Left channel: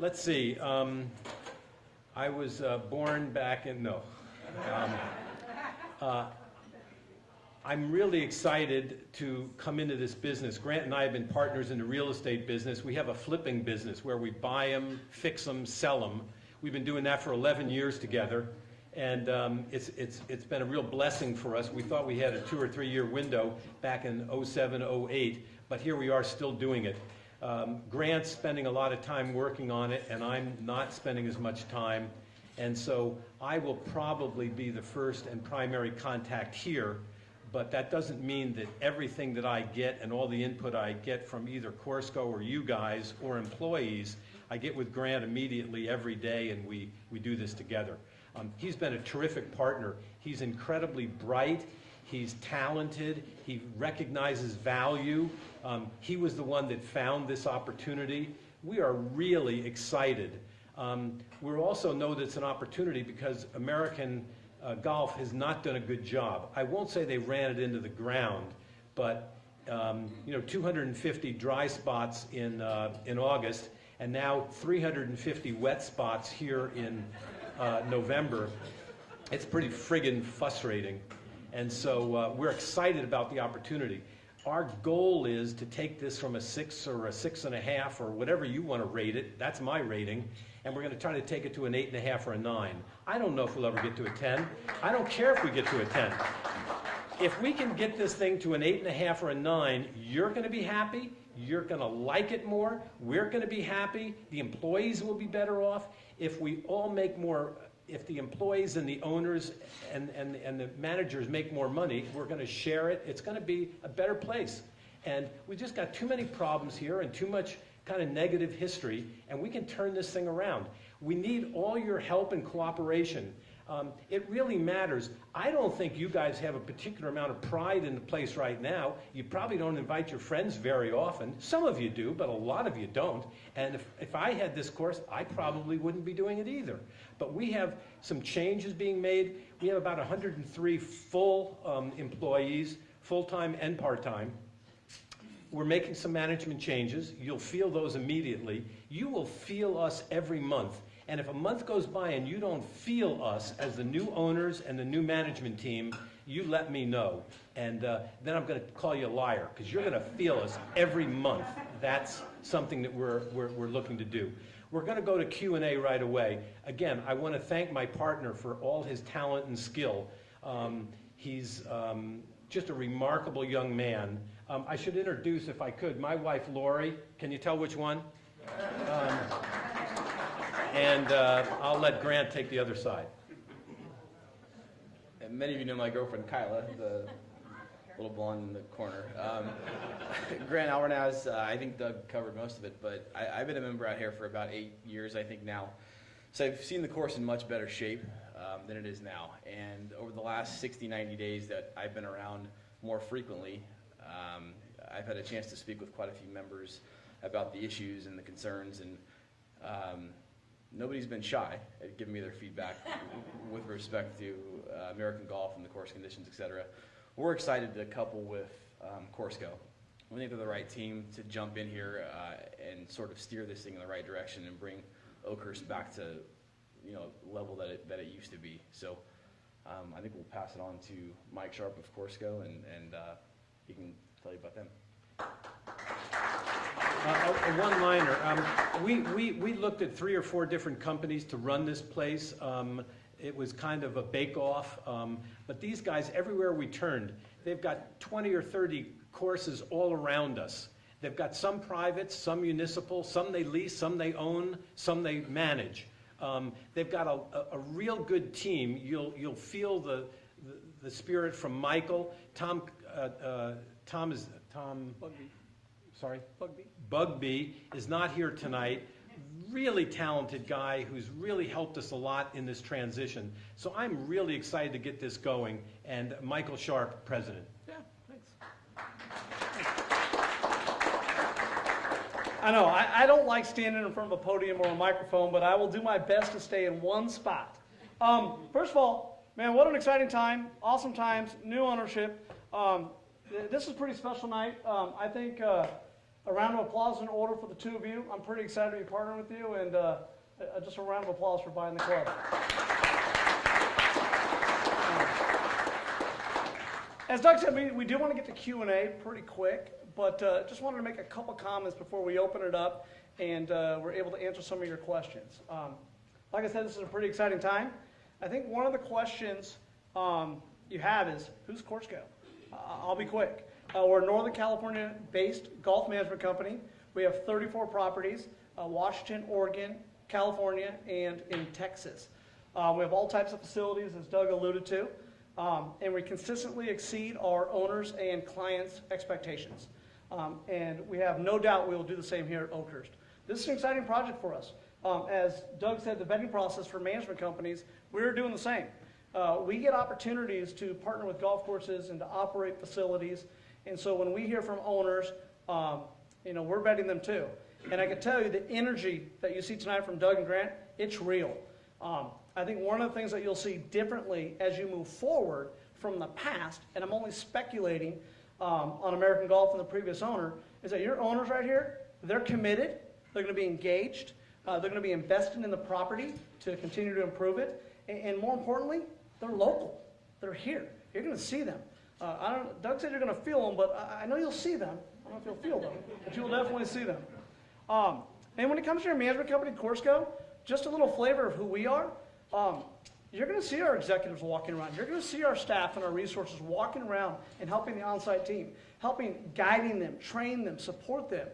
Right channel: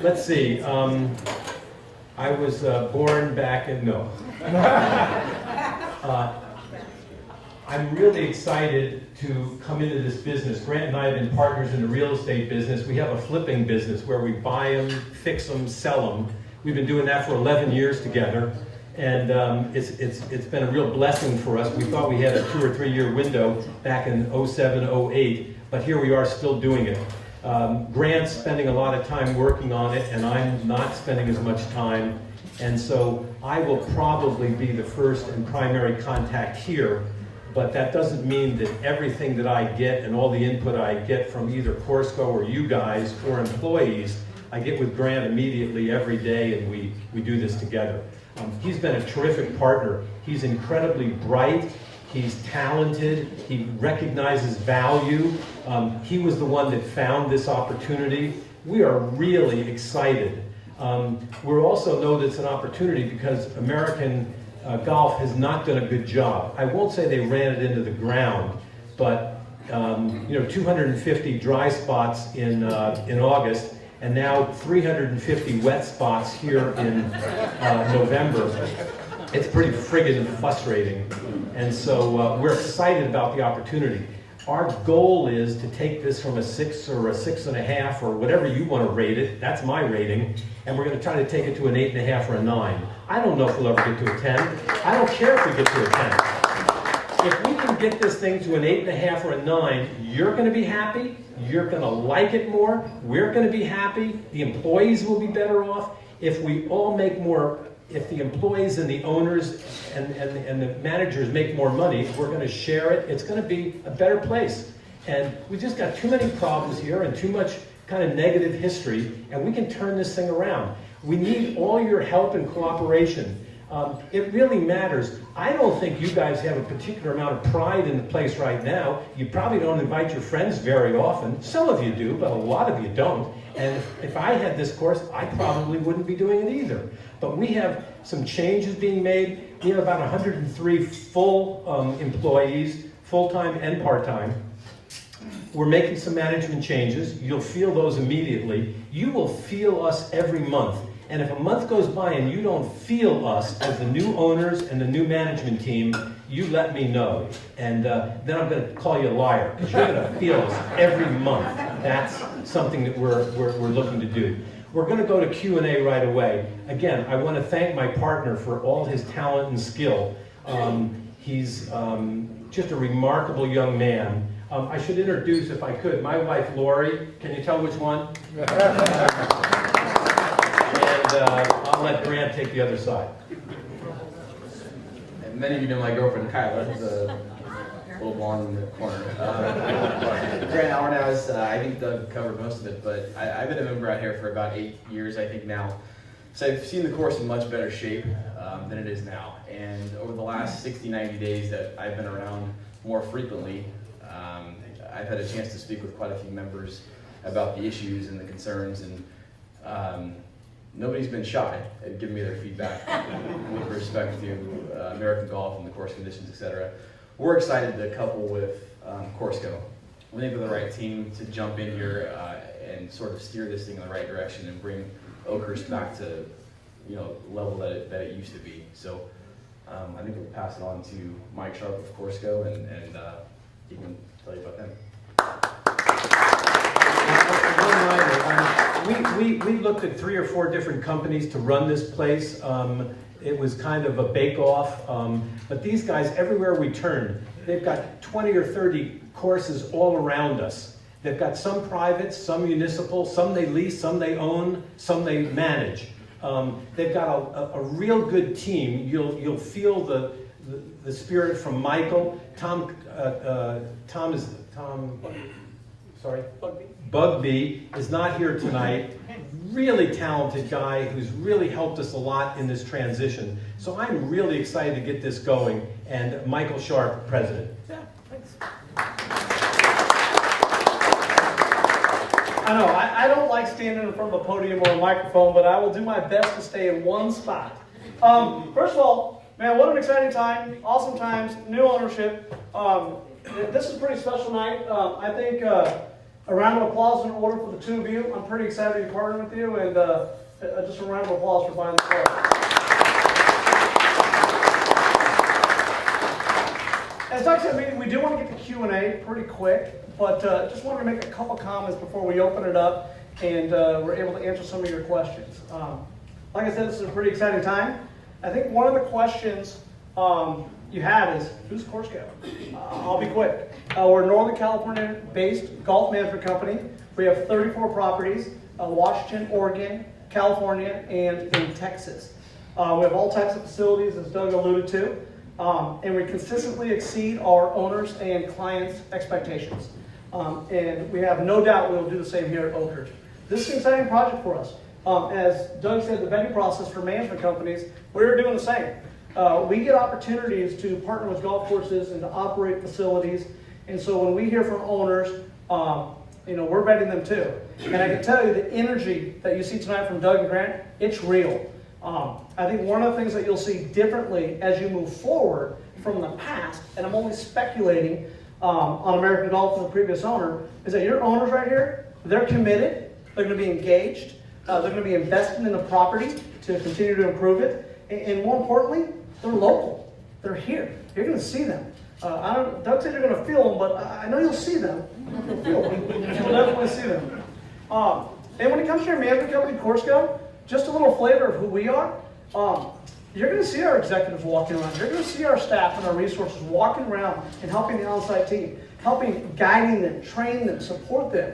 Let's see. I was born back in, no. I'm really excited to come into this business. Grant and I have been partners in the real estate business. We have a flipping business where we buy them, fix them, sell them. We've been doing that for 11 years together. And it's been a real blessing for us. We thought we had a 2 or 3 year window back in 07, 08, but here we are still doing it. Grant's spending a lot of time working on it, and I'm not spending as much time. And so I will probably be the first and primary contact here, but that doesn't mean that everything that I get and all the input I get from either Corsco or you guys or employees, I get with Grant immediately every day, and we do this together. He's been a terrific partner. He's incredibly bright. He's talented. He recognizes value. He was the one that found this opportunity. We are really excited. We also know that it's an opportunity because American Golf has not done a good job. I won't say they ran it into the ground, but 250 dry spots in August, and now 350 wet spots here in November. It's pretty friggin' frustrating. And so we're excited about the opportunity. Our goal is to take this from a 6 or a 6.5 or whatever you want to rate it. That's my rating. And we're going to try to take it to an 8.5 or a 9. I don't know if we'll ever get to a 10. I don't care if we get to a 10. If we can get this thing to an 8.5 or a 9, you're going to be happy. You're going to like it more. We're going to be happy. The employees will be better off. If we all make more, if the employees and the owners and the managers make more money, we're going to share it. It's going to be a better place. And we just got too many problems here and too much kind of negative history, and we can turn this thing around. We need all your help and cooperation. It really matters. I don't think you guys have a particular amount of pride in the place right now. You probably don't invite your friends very often. Some of you do, but a lot of you don't. And if I had this course, I probably wouldn't be doing it either. But we have some changes being made. We have about 103 full employees, full-time and part-time. We're making some management changes. You'll feel those immediately. You will feel us every month. And if a month goes by and you don't feel us as the new owners and the new management team, you let me know. And then I'm going to call you a liar, because you're going to feel us every month. That's something that we're looking to do. We're going to go to Q&A right away. Again, I want to thank my partner for all his talent and skill. He's just a remarkable young man. I should introduce, if I could, my wife, Lori. Can you tell which one? And I'll let Grant take the other side. And many of you know my girlfriend, Kyla, the little blonde in the corner. Grant Alvarez, I think Doug covered most of it, but I've been a member out here for about 8 years, I think now. So I've seen the course in much better shape than it is now. And over the last 60, 90 days that I've been around more frequently, I've had a chance to speak with quite a few members about the issues and the concerns, and nobody's been shy at giving me their feedback with respect to American Golf and the course conditions, etc. We're excited to couple with Corsco. We think they're the right team to jump in here and sort of steer this thing in the right direction and bring Oakhurst back to the level that it used to be. So I think we'll pass it on to Mike Sharp of Corsco, and he can tell you about them. We looked at 3 or 4 different companies to run this place. It was kind of a bake-off, but these guys, everywhere we turn, they've got 20 or 30 courses all around us. They've got some private, some municipal, some they lease, some they own, some they manage. They've got a real good team. You'll feel the spirit from Michael. Bugbee is not here tonight. Really talented guy who's really helped us a lot in this transition. So I'm really excited to get this going. And Michael Sharp, president. Yeah, thanks. I know, I don't like standing in front of a podium or a microphone, but I will do my best to stay in one spot. First of all, man, what an exciting time, awesome times, new ownership. This is a pretty special night. I think A round of applause in order for the two of you. I'm pretty excited to be partnering with you, and just a round of applause for buying the car. As Doug said, we do want to get to Q&A pretty quick, but just wanted to make a couple comments before we open it up and we're able to answer some of your questions. Like I said, this is a pretty exciting time. I think one of the questions you have is, who's Corsco? I'll be quick. We're a Northern California-based golf management company. We have 34 properties, Washington, Oregon, California, and in Texas. We have all types of facilities, as Doug alluded to, and we consistently exceed our owners' and clients' expectations. And we have no doubt we'll do the same here at Oakhurst. This is an exciting project for us. As Doug said, the vetting process for management companies, we're doing the same. We get opportunities to partner with golf courses and to operate facilities. And so when we hear from owners, we're vetting them too. And I can tell you the energy that you see tonight from Doug and Grant, it's real. I think one of the things that you'll see differently as you move forward from the past, and I'm only speculating on American Golf and the previous owner, is that your owners right here, they're committed, they're going to be engaged, they're going to be investing in the property to continue to improve it, and more importantly, they're local. They're here. You're going to see them. Doug said you're going to feel them, but I know you'll see them. You'll feel them. You'll definitely see them. And when it comes to your management company, Corsco, just a little flavor of who we are. You're going to see our executives walking around. You're going to see our staff and our resources walking around and helping the on-site team, guiding them, training them, support them,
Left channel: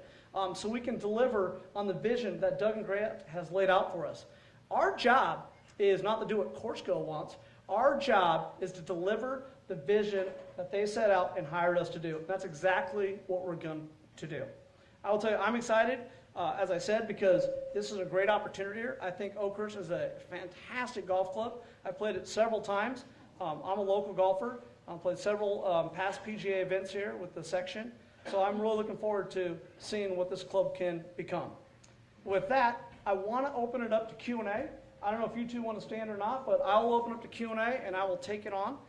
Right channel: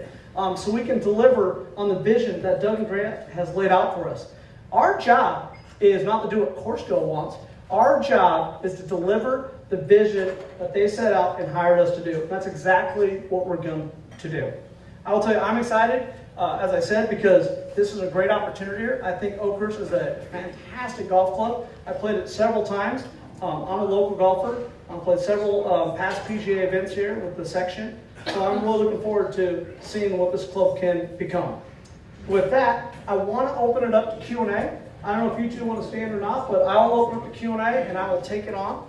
so we can deliver on the vision that Doug and Grant has laid out for us. Our job is not to do what Corsco wants. Our job is to deliver the vision that they set out and hired us to do. That's exactly what we're going to do. I will tell you, I'm excited, as I said, because this is a great opportunity here. I think Oakhurst is a fantastic golf club. I played it several times. I'm a local golfer. I've played several past PGA events here with the section. So I'm really looking forward to seeing what this club can become. With that, I want to open it up to Q&A. I don't know if you two want to stand or not, but I will open up the Q&A and I will take it on.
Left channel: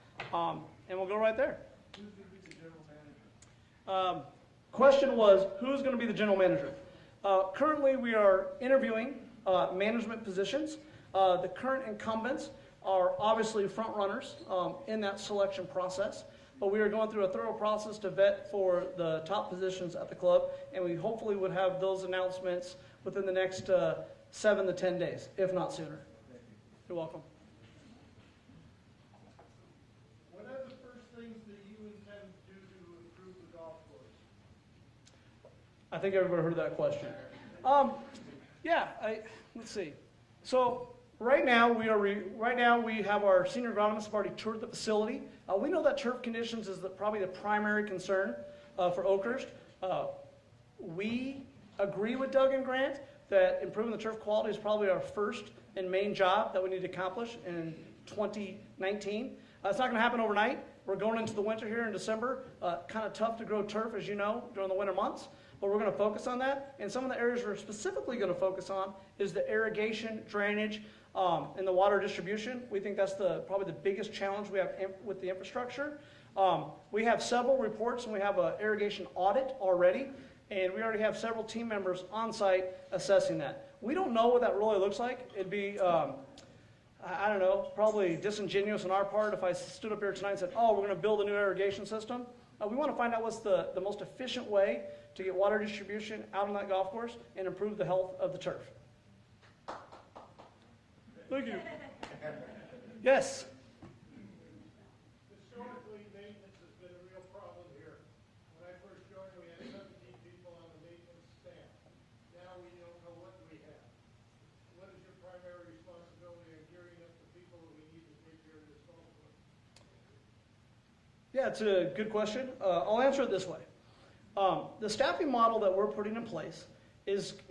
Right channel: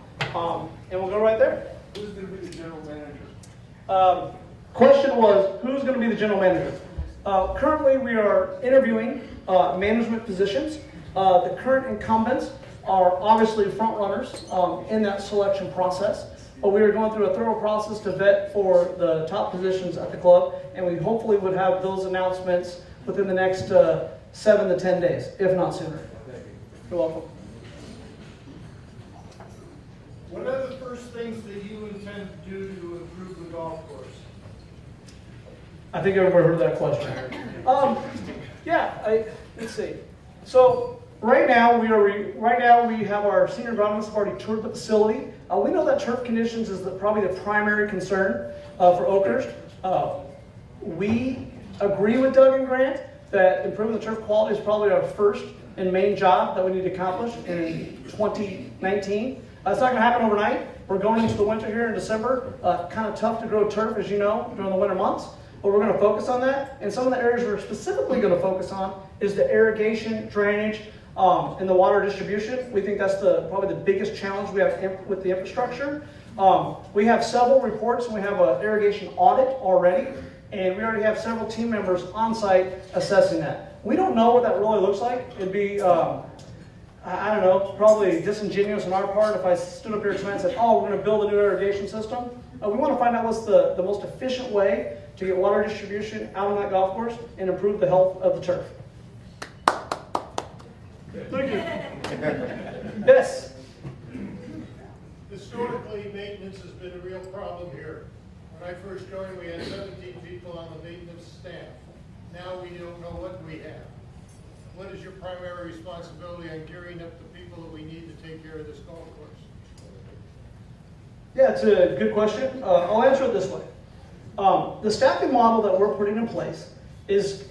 And we'll go right there. Who's going to be the general manager? Question was, who's going to be the general manager? Currently, we are interviewing management positions. The current incumbents are obviously front runners in that selection process. But we are going through a thorough process to vet for the top positions at the club, and we hopefully would have those announcements within the next 7 to 10 days, if not sooner. You're welcome. What are the first things that you intend to do to improve the golf course? I think everybody heard that question. Let's see. So right now we have our senior agronomists have already toured the facility. We know that turf conditions is probably the primary concern for Oakhurst. We agree with Doug and Grant that improving the turf quality is probably our first and main job that we need to accomplish in 2019. It's not going to happen overnight. We're going into the winter here in December. Kind of tough to grow turf, as you know, during the winter months. But we're going to focus on that. And some of the areas we're specifically going to focus on is the irrigation, drainage, and the water distribution. We think that's probably the biggest challenge we have with the infrastructure. We have several reports, and we have an irrigation audit already. And we already have several team members on site assessing that. We don't know what that really looks like. It'd be I don't know, probably disingenuous on our part if I stood up here tonight and said, oh, we're going to build a new irrigation system. We want to find out what's the most efficient way to get water distribution out on that golf course and improve the health of the turf. Thank you. Yes? Historically, maintenance has been a real problem here. When I first joined, we had 17 people on the maintenance staff. Now we don't know what we have. What is your primary responsibility on gearing up the people that we need to take care of this golf course? Yeah, it's a good question. I'll answer it this way. The staffing model that we're putting in place is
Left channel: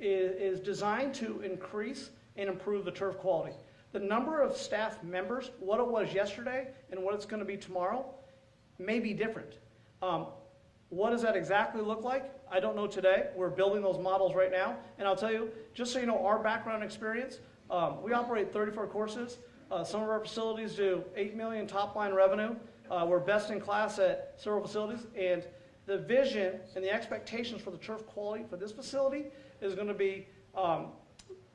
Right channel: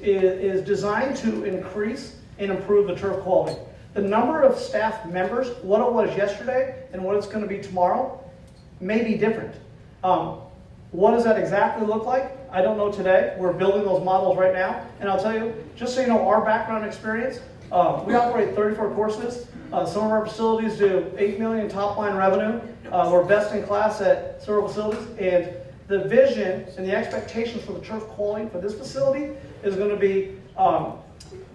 designed to increase and improve the turf quality. The number of staff members, what it was yesterday and what it's going to be tomorrow, may be different. What does that exactly look like? I don't know today. We're building those models right now. And I'll tell you, just so you know our background experience, we operate 34 courses. Some of our facilities do $8 million top line revenue. We're best in class at several facilities. And The vision and the expectations for the turf quality for this facility is going to be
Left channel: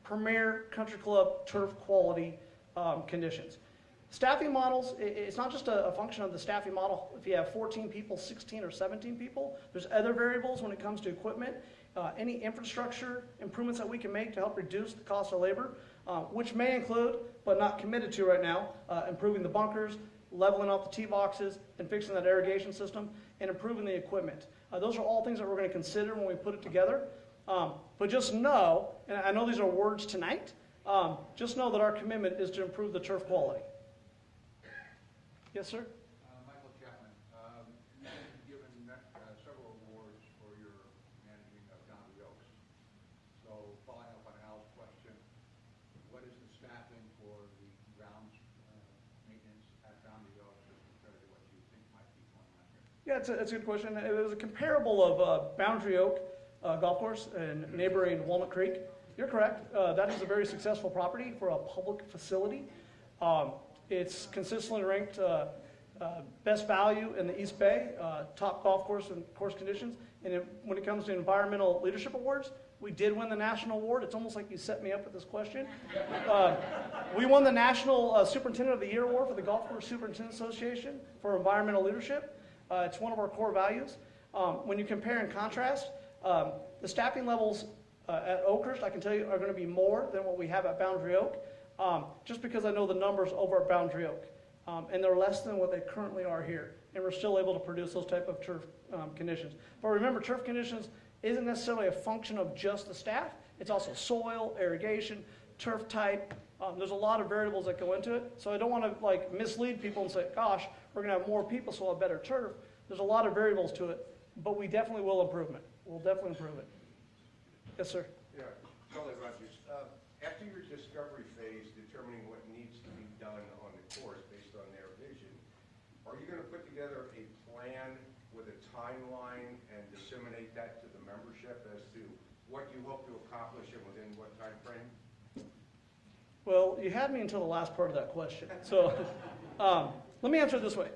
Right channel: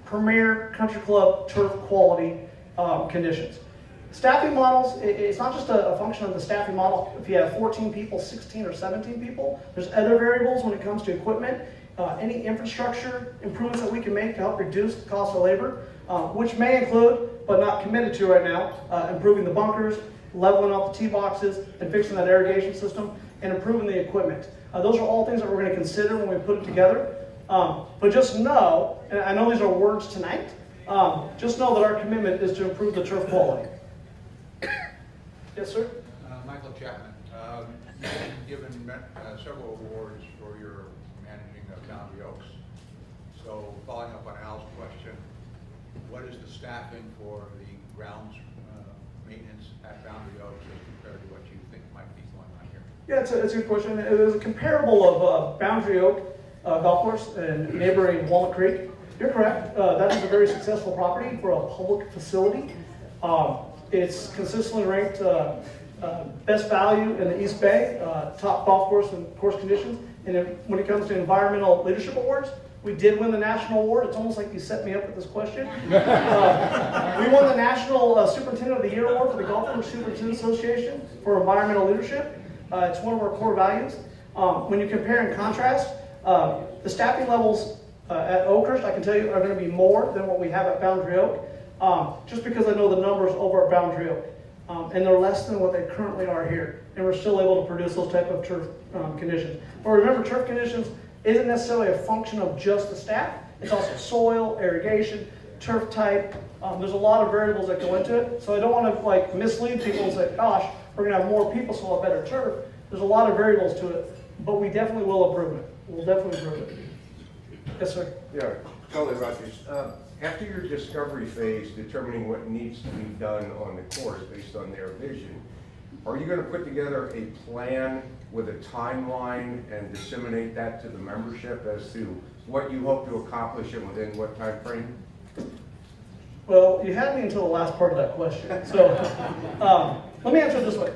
premier country club turf quality conditions. Staffing models, it's not just a function of the staffing model. If you have 14 people, 16 or 17 people, there's other variables when it comes to equipment, any infrastructure improvements that we can make to help reduce the cost of labor, which may include, but not committed to right now, improving the bunkers, leveling out the tee boxes, and fixing that irrigation system, and improving the equipment. Those are all things that we're going to consider when we put it together. But just know, and I know these are words tonight, just know that our commitment is to improve the turf quality. Yes, sir? Michael Chapman. You've given several awards for your managing of Boundary Oaks. So following up on Al's question, what is the staffing for the grounds maintenance at Boundary Oaks as compared to what you think might be going on here? Yeah, it's a good question. It was a comparable of Boundary Oak Golf Course and neighboring Walnut Creek. You're correct. That is a very successful property for a public facility. It's consistently ranked best value in the East Bay, top golf course and course conditions. And when it comes to environmental leadership awards, we did win the national award. It's almost like you set me up with this question. We won the National Superintendent of the Year Award for the Golf Course Superintendent Association for environmental leadership. It's one of our core values. When you compare and contrast, the staffing levels at Oakhurst, I can tell you, are going to be more than what we have at Boundary Oak. Just because I know the numbers over at Boundary Oak, and they're less than what they currently are here, and we're still able to produce those type of turf conditions. But remember, turf conditions isn't necessarily a function of just the staff. It's also soil, irrigation, turf type. There's a lot of variables that go into it, so I don't want to mislead people and say, gosh, we're going to have more people, so we'll have better turf. There's a lot of variables to it, but we definitely will improve it. We'll definitely improve it. Yes, sir. Yeah, totally about this. After your discovery phase, determining what needs to be done on the course based on their vision, are you going to put together a plan with a timeline and disseminate that to the membership as to what you hope to accomplish and within what time frame? Well, you had me until the last part of that question. So let me answer it this way.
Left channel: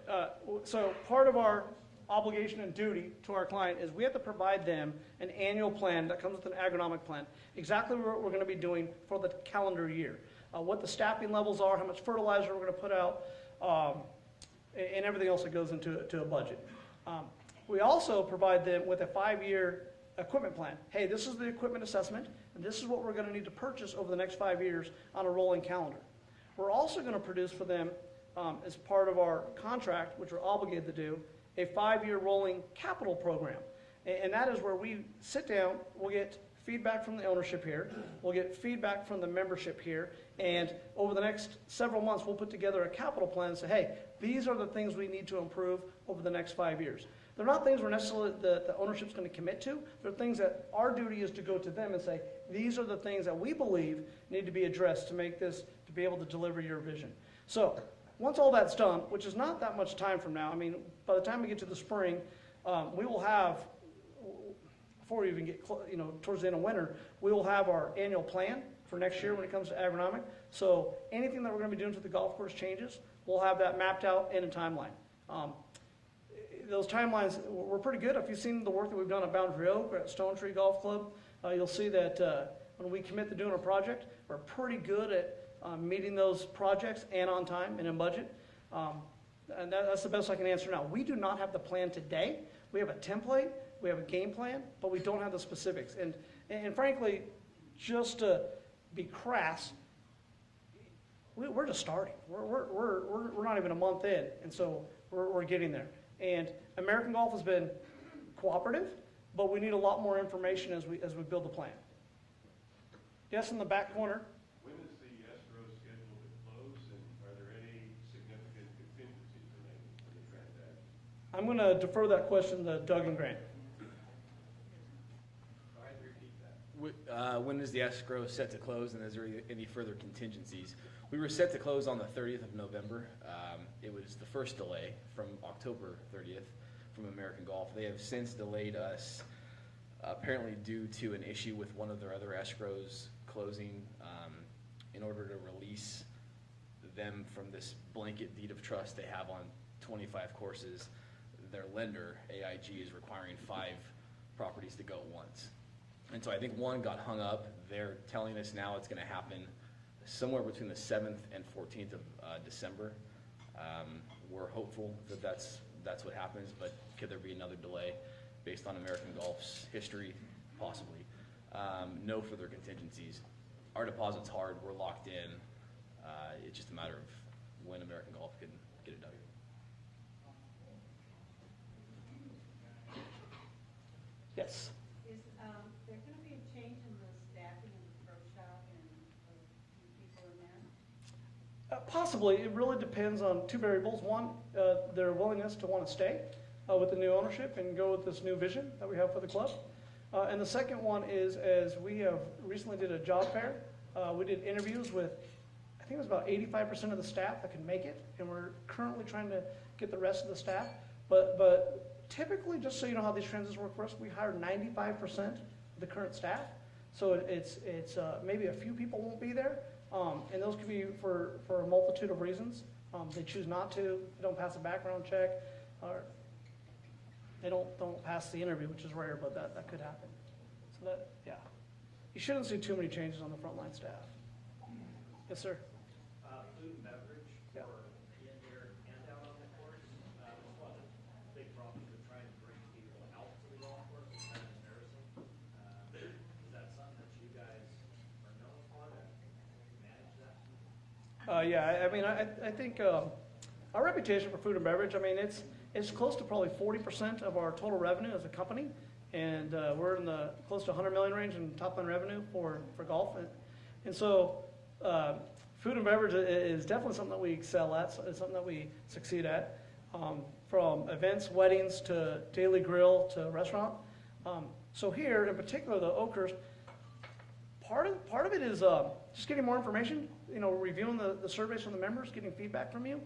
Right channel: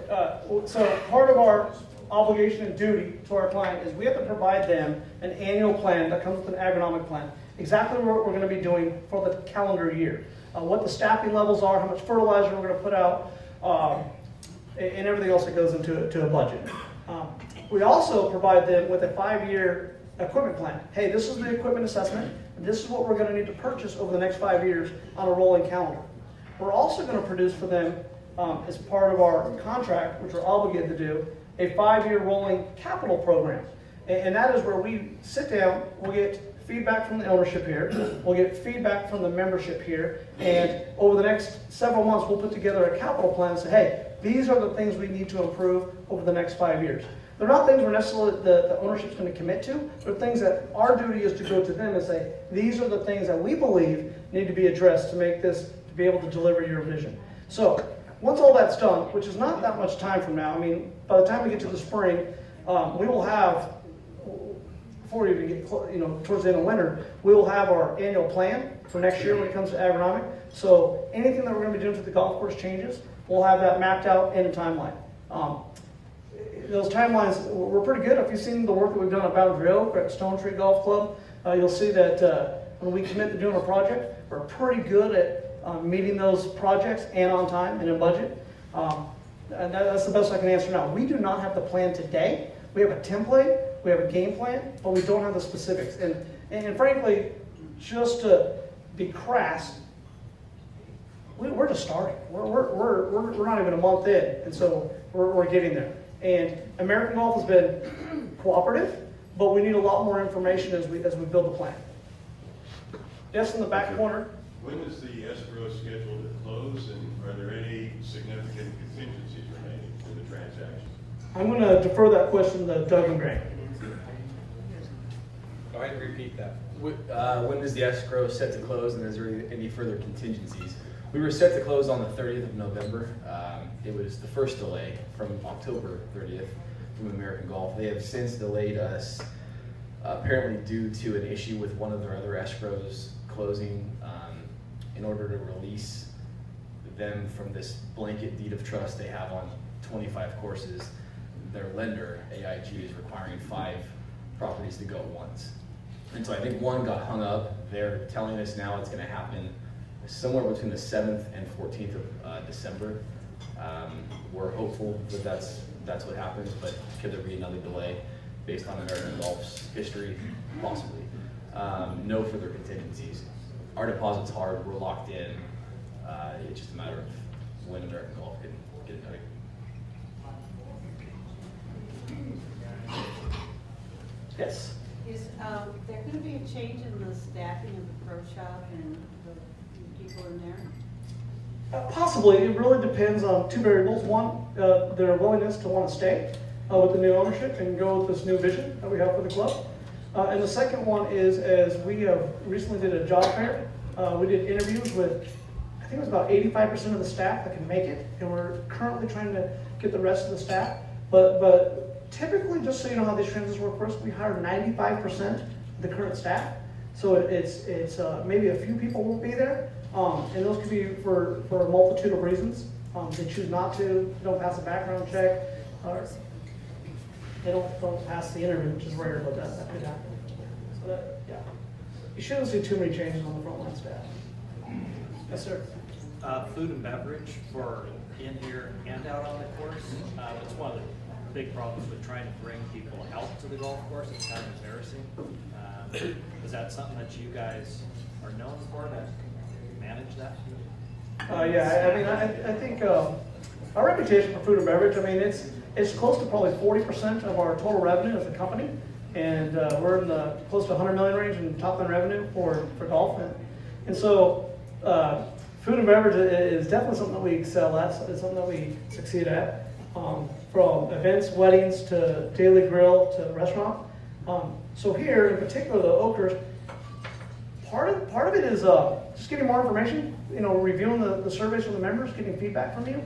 So part of our obligation and duty to our client is we have to provide them an annual plan that comes with an agronomic plan. Exactly what we're going to be doing for the calendar year. What the staffing levels are, how much fertilizer we're going to put out, and everything else that goes into a budget. We also provide them with a 5-year equipment plan. Hey, this is the equipment assessment, and this is what we're going to need to purchase over the next 5 years on a rolling calendar. We're also going to produce for them, as part of our contract, which we're obligated to do, a 5-year rolling capital program. And that is where we sit down, we'll get feedback from the ownership here, we'll get feedback from the membership here, and over the next several months, we'll put together a capital plan and say, hey, these are the things we need to improve over the next 5 years. They're not things we're necessarily the ownership's going to commit to. They're things that our duty is to go to them and say, these are the things that we believe need to be addressed to make this, to be able to deliver your vision. So once all that's done, which is not that much time from now, I mean, by the time we get to the spring, we will have, before we even get towards the end of winter, we will have our annual plan for next year when it comes to agronomic. So anything that we're going to be doing to the golf course changes, we'll have that mapped out in a timeline. Those timelines, we're pretty good. If you've seen the work that we've done at Boundary Oak or at Stone Tree Golf Club, you'll see that when we commit to doing a project, we're pretty good at meeting those projects and on time and in budget. And that's the best I can answer now. We do not have the plan today. We have a template, we have a game plan, but we don't have the specifics. And frankly, just to be crass, we're just starting. We're not even a month in, and so we're getting there. And American Golf has been cooperative, but we need a lot more information as we build the plan. Yes, in the back corner. When is the escrow scheduled to close, and are there any significant contingencies remaining in the transaction? I'm going to defer that question to Doug and Grant. Go ahead and repeat that. When is the escrow set to close, and is there any further contingencies? We were set to close on the 30th of November. It was the first delay from October 30th from American Golf. They have since delayed us, apparently due to an issue with one of their other escrows closing, in order to release them from this blanket deed of trust they have on 25 courses. their lender, AIG, is requiring 5 properties to go at once. And so I think one got hung up. They're telling us now it's gonna happen somewhere between the 7th and 14th of December. We're hopeful that that's what happens, but could there be another delay based on American Golf's history? Possibly. No further contingencies. Our deposit's hard, we're locked in. It's just a matter of when American Golf can get it done. Yes. Is there going to be a change in the staffing of the pro shop and the people in there? Possibly. It really depends on 2 variables. One, their willingness to want to stay with the new ownership and go with this new vision that we have for the club. And the second one is, as we have recently did a job fair, we did interviews with, I think it was about 85% of the staff that can make it, and we're currently trying to get the rest of the staff. But typically, just so you know how these transitions work for us, we hire 95% of the current staff. So it's maybe a few people won't be there, and those could be for a multitude of reasons. They choose not to, don't pass a background check, they don't pass the interview, which is rare, but that could happen. So that, yeah. You shouldn't see too many changes on the frontline staff. Yes, sir. Food and beverage for in here and out on the course. It's one of the big problems with trying to bring people out to the golf course. It's kind of embarrassing. Is that something that you guys are known for, to manage that? Yeah, I mean, I think our reputation for food and beverage, I mean, it's close to probably 40% of our total revenue as a company. And we're in the close to 100 million range in top line revenue for golf. And so food and beverage is definitely something that we excel at. It's something that we succeed at. From events, weddings, to daily grill, to restaurant. So here, in particular, the Oakhurst, part of it is just getting more information, reviewing the surveys from the members, getting feedback from you.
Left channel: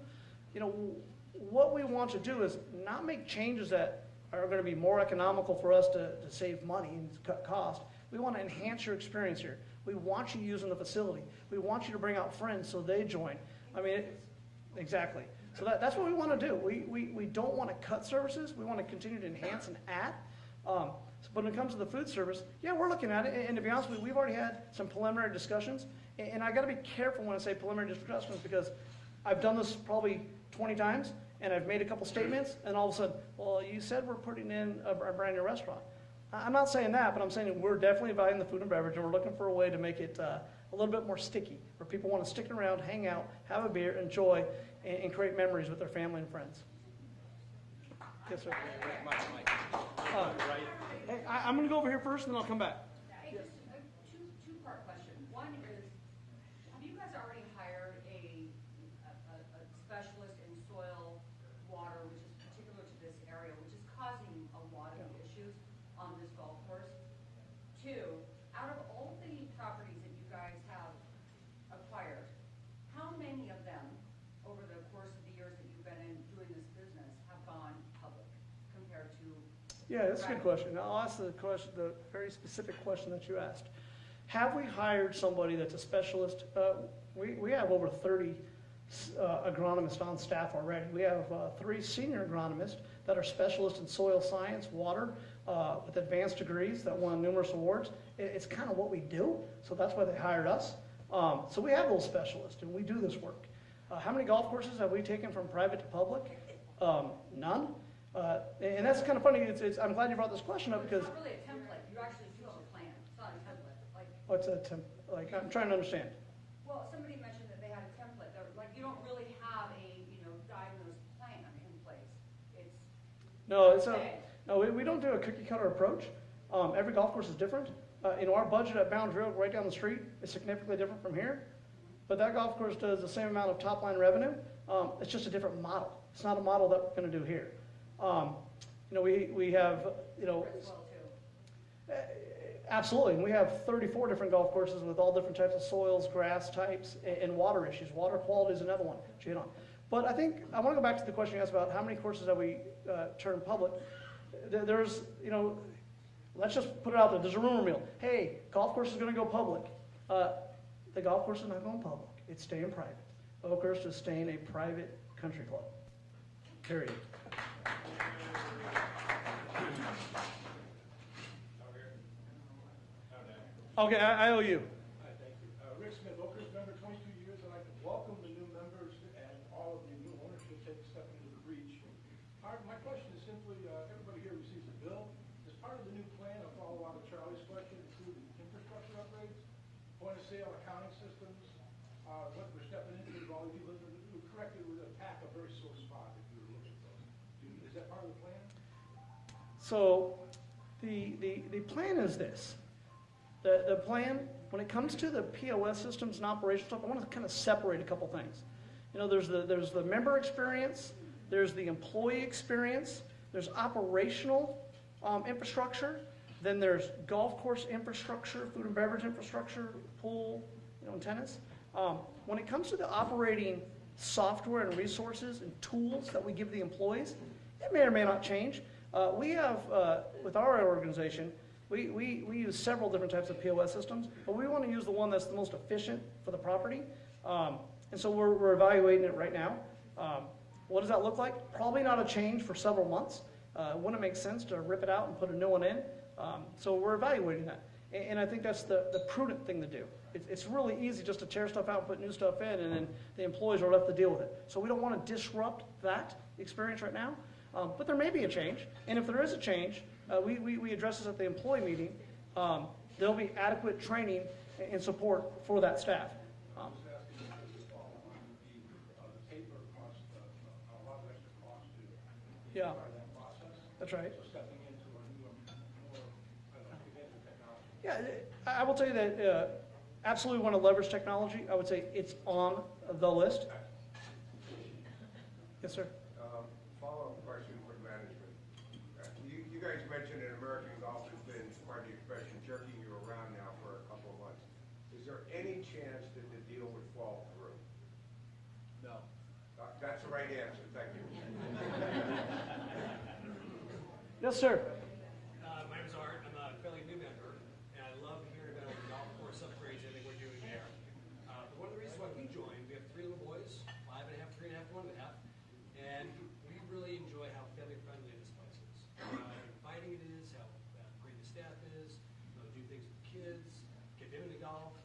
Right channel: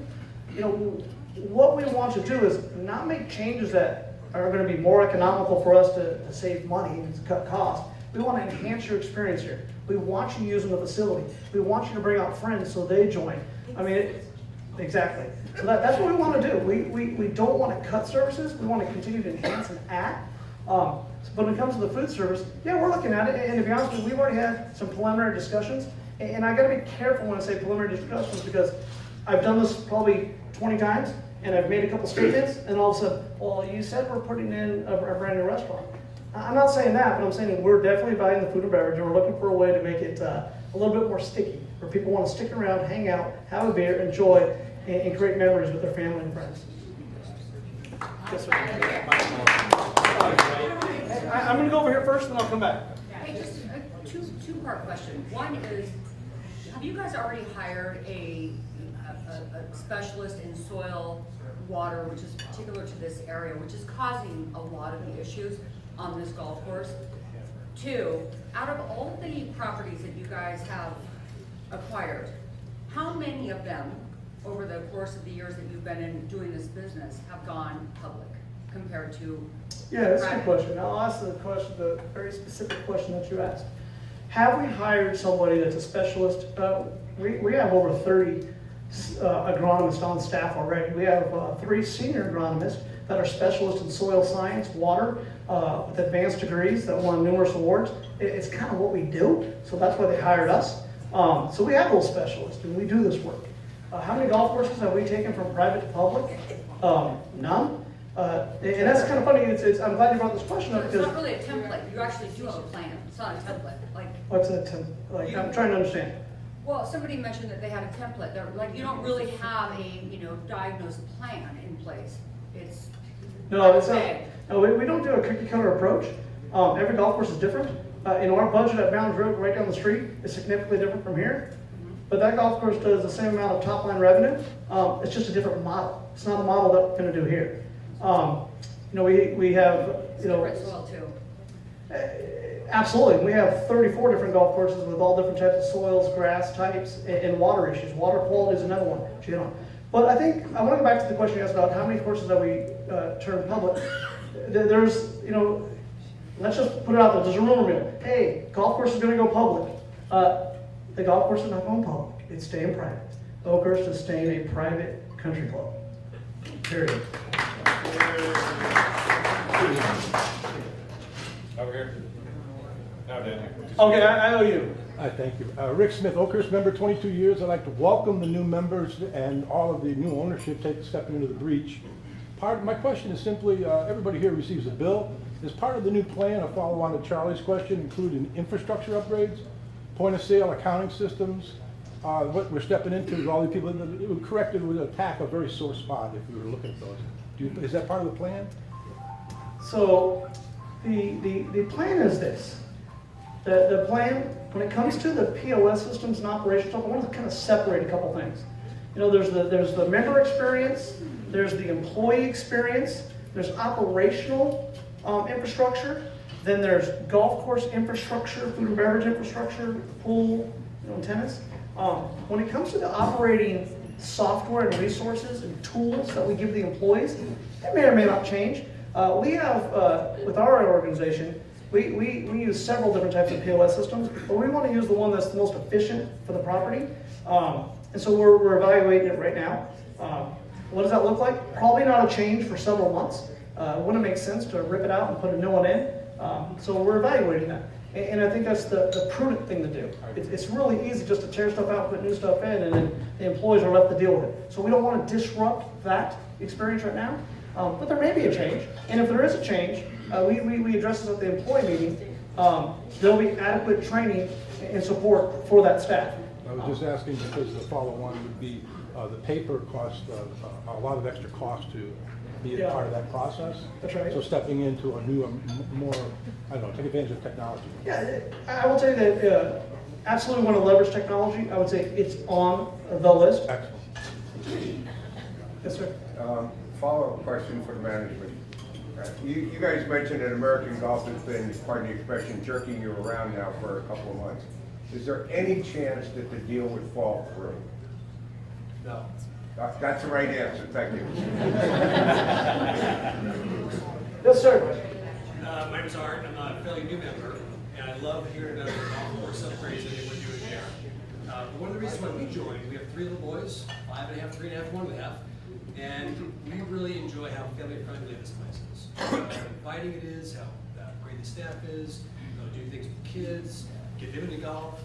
What we want to do is not make changes that are going to be more economical for us to save money and to cut costs. We want to enhance your experience here. We want you using the facility. We want you to bring out friends so they join. I mean, exactly. So that's what we want to do. We don't want to cut services. We want to continue to enhance and add. But when it comes to the food service, yeah, we're looking at it. And to be honest with you, we've already had some preliminary discussions. And I got to be careful when I say preliminary discussions, because I've done this probably 20 times, and I've made a couple statements, and all of a sudden, well, you said we're putting in a brand new restaurant. I'm not saying that, but I'm saying we're definitely buying the food and beverage, and we're looking for a way to make it a little bit more sticky, where people want to stick around, hang out, have a beer, enjoy, and create memories with their family and friends. Yes, sir. I'm going to go over here first, and then I'll come back. Hey, just a two-part question. One is, have you guys already hired a specialist in soil, water, which is particular to this area, which is causing a lot of the issues on this golf course? 2, out of all the properties that you guys have acquired, how many of them, over the course of the years that you've been in doing this business, have gone public compared to? Yeah, that's a good question. I'll ask the very specific question that you asked. Have we hired somebody that's a specialist? We have over 30 agronomists on staff already. We have 3 senior agronomists that are specialists in soil science, water, with advanced degrees that won numerous awards. It's kind of what we do, so that's why they hired us. So we have those specialists, and we do this work. How many golf courses have we taken from private to public? None. And that's kind of funny. I'm glad you brought this question up, It's because not really a template. You actually do have a plan. It's not a template. what's a I'm trying to understand. Well, somebody mentioned that they had a template. You don't really have a, diagnosed plan in place. It's No, it's not. vague. No, we don't do a cookie cutter approach. Every golf course is different. Our budget at Bounds Road right down the street is significantly different from here. But that golf course does the same amount of top line revenue. It's just a different model. It's not the model that we're going to do here. We have, Different soil too. absolutely. We have 34 different golf courses with all different types of soils, grass types, and water issues. Water quality is another one. But I think I want to go back to the question you asked about how many courses have we turned public. There's, let's just put it out there. There's a rumor mill. Hey, golf course is going to go public. The golf course is not going public. It's staying private. Oakhurst is staying a private country club. Period. Over here. Now, Dan. Okay, I owe you. Thank you. Rick Smith, Oakhurst member, 22 years. I'd like to welcome the new members and all of the new ownership stepping into the breach. My question is simply, everybody here receives a bill. Is part of the new plan, a follow-on to Charlie's question, including infrastructure upgrades, point of sale, accounting systems? What we're stepping into is all the people, it would correct, it would attack a very sore spot if we were looking at those. Is that part of the plan? So the plan is this. The plan, when it comes to the POS systems and operations, I want to kind of separate a couple things. You know, there's the member experience, there's the employee experience, there's operational infrastructure, then there's golf course infrastructure, food and beverage infrastructure, pool, and tennis. When it comes to the operating software and resources and tools that we give the employees, they may or may not change. We have, with our organization, we use several different types of POS systems, but we want to use the one that's the most efficient for the property. And so we're evaluating it right now. What does that look like? Probably not a change for several months. It wouldn't make sense to rip it out and put a new one in. So we're evaluating that. And I think that's the prudent thing to do. It's really easy just to tear stuff out, put new stuff in, and then the employees are left to deal with it. So we don't want to disrupt that experience right now. But there may be a change. And if there is a change, we address this at the employee meeting. There'll be adequate training and support for that staff. I was just asking because the follow-on would be the paper cost a lot of extra cost to be a part of that process. That's right. So stepping into a new, more, I don't know, take advantage of technology. Yeah, I will tell you that absolutely want to leverage technology. I would say it's on the list. Excellent. Yes, sir. Follow-up question for the management. You guys mentioned that American Golf has been, pardon the expression, jerking you around now for a couple of months. Is there any chance that the deal would fall through? No. That's the right answer, thank you. Yes, sir. My name is Art, I'm a fairly new member, and I love hearing about the golf course upgrades that we're doing there. But one of the reasons why we joined, we have 3 little boys, 5.5, 3.5, 1.5, and we really enjoy how family friendly this place is. How inviting it is, how great the staff is, do things with kids, get them into golf.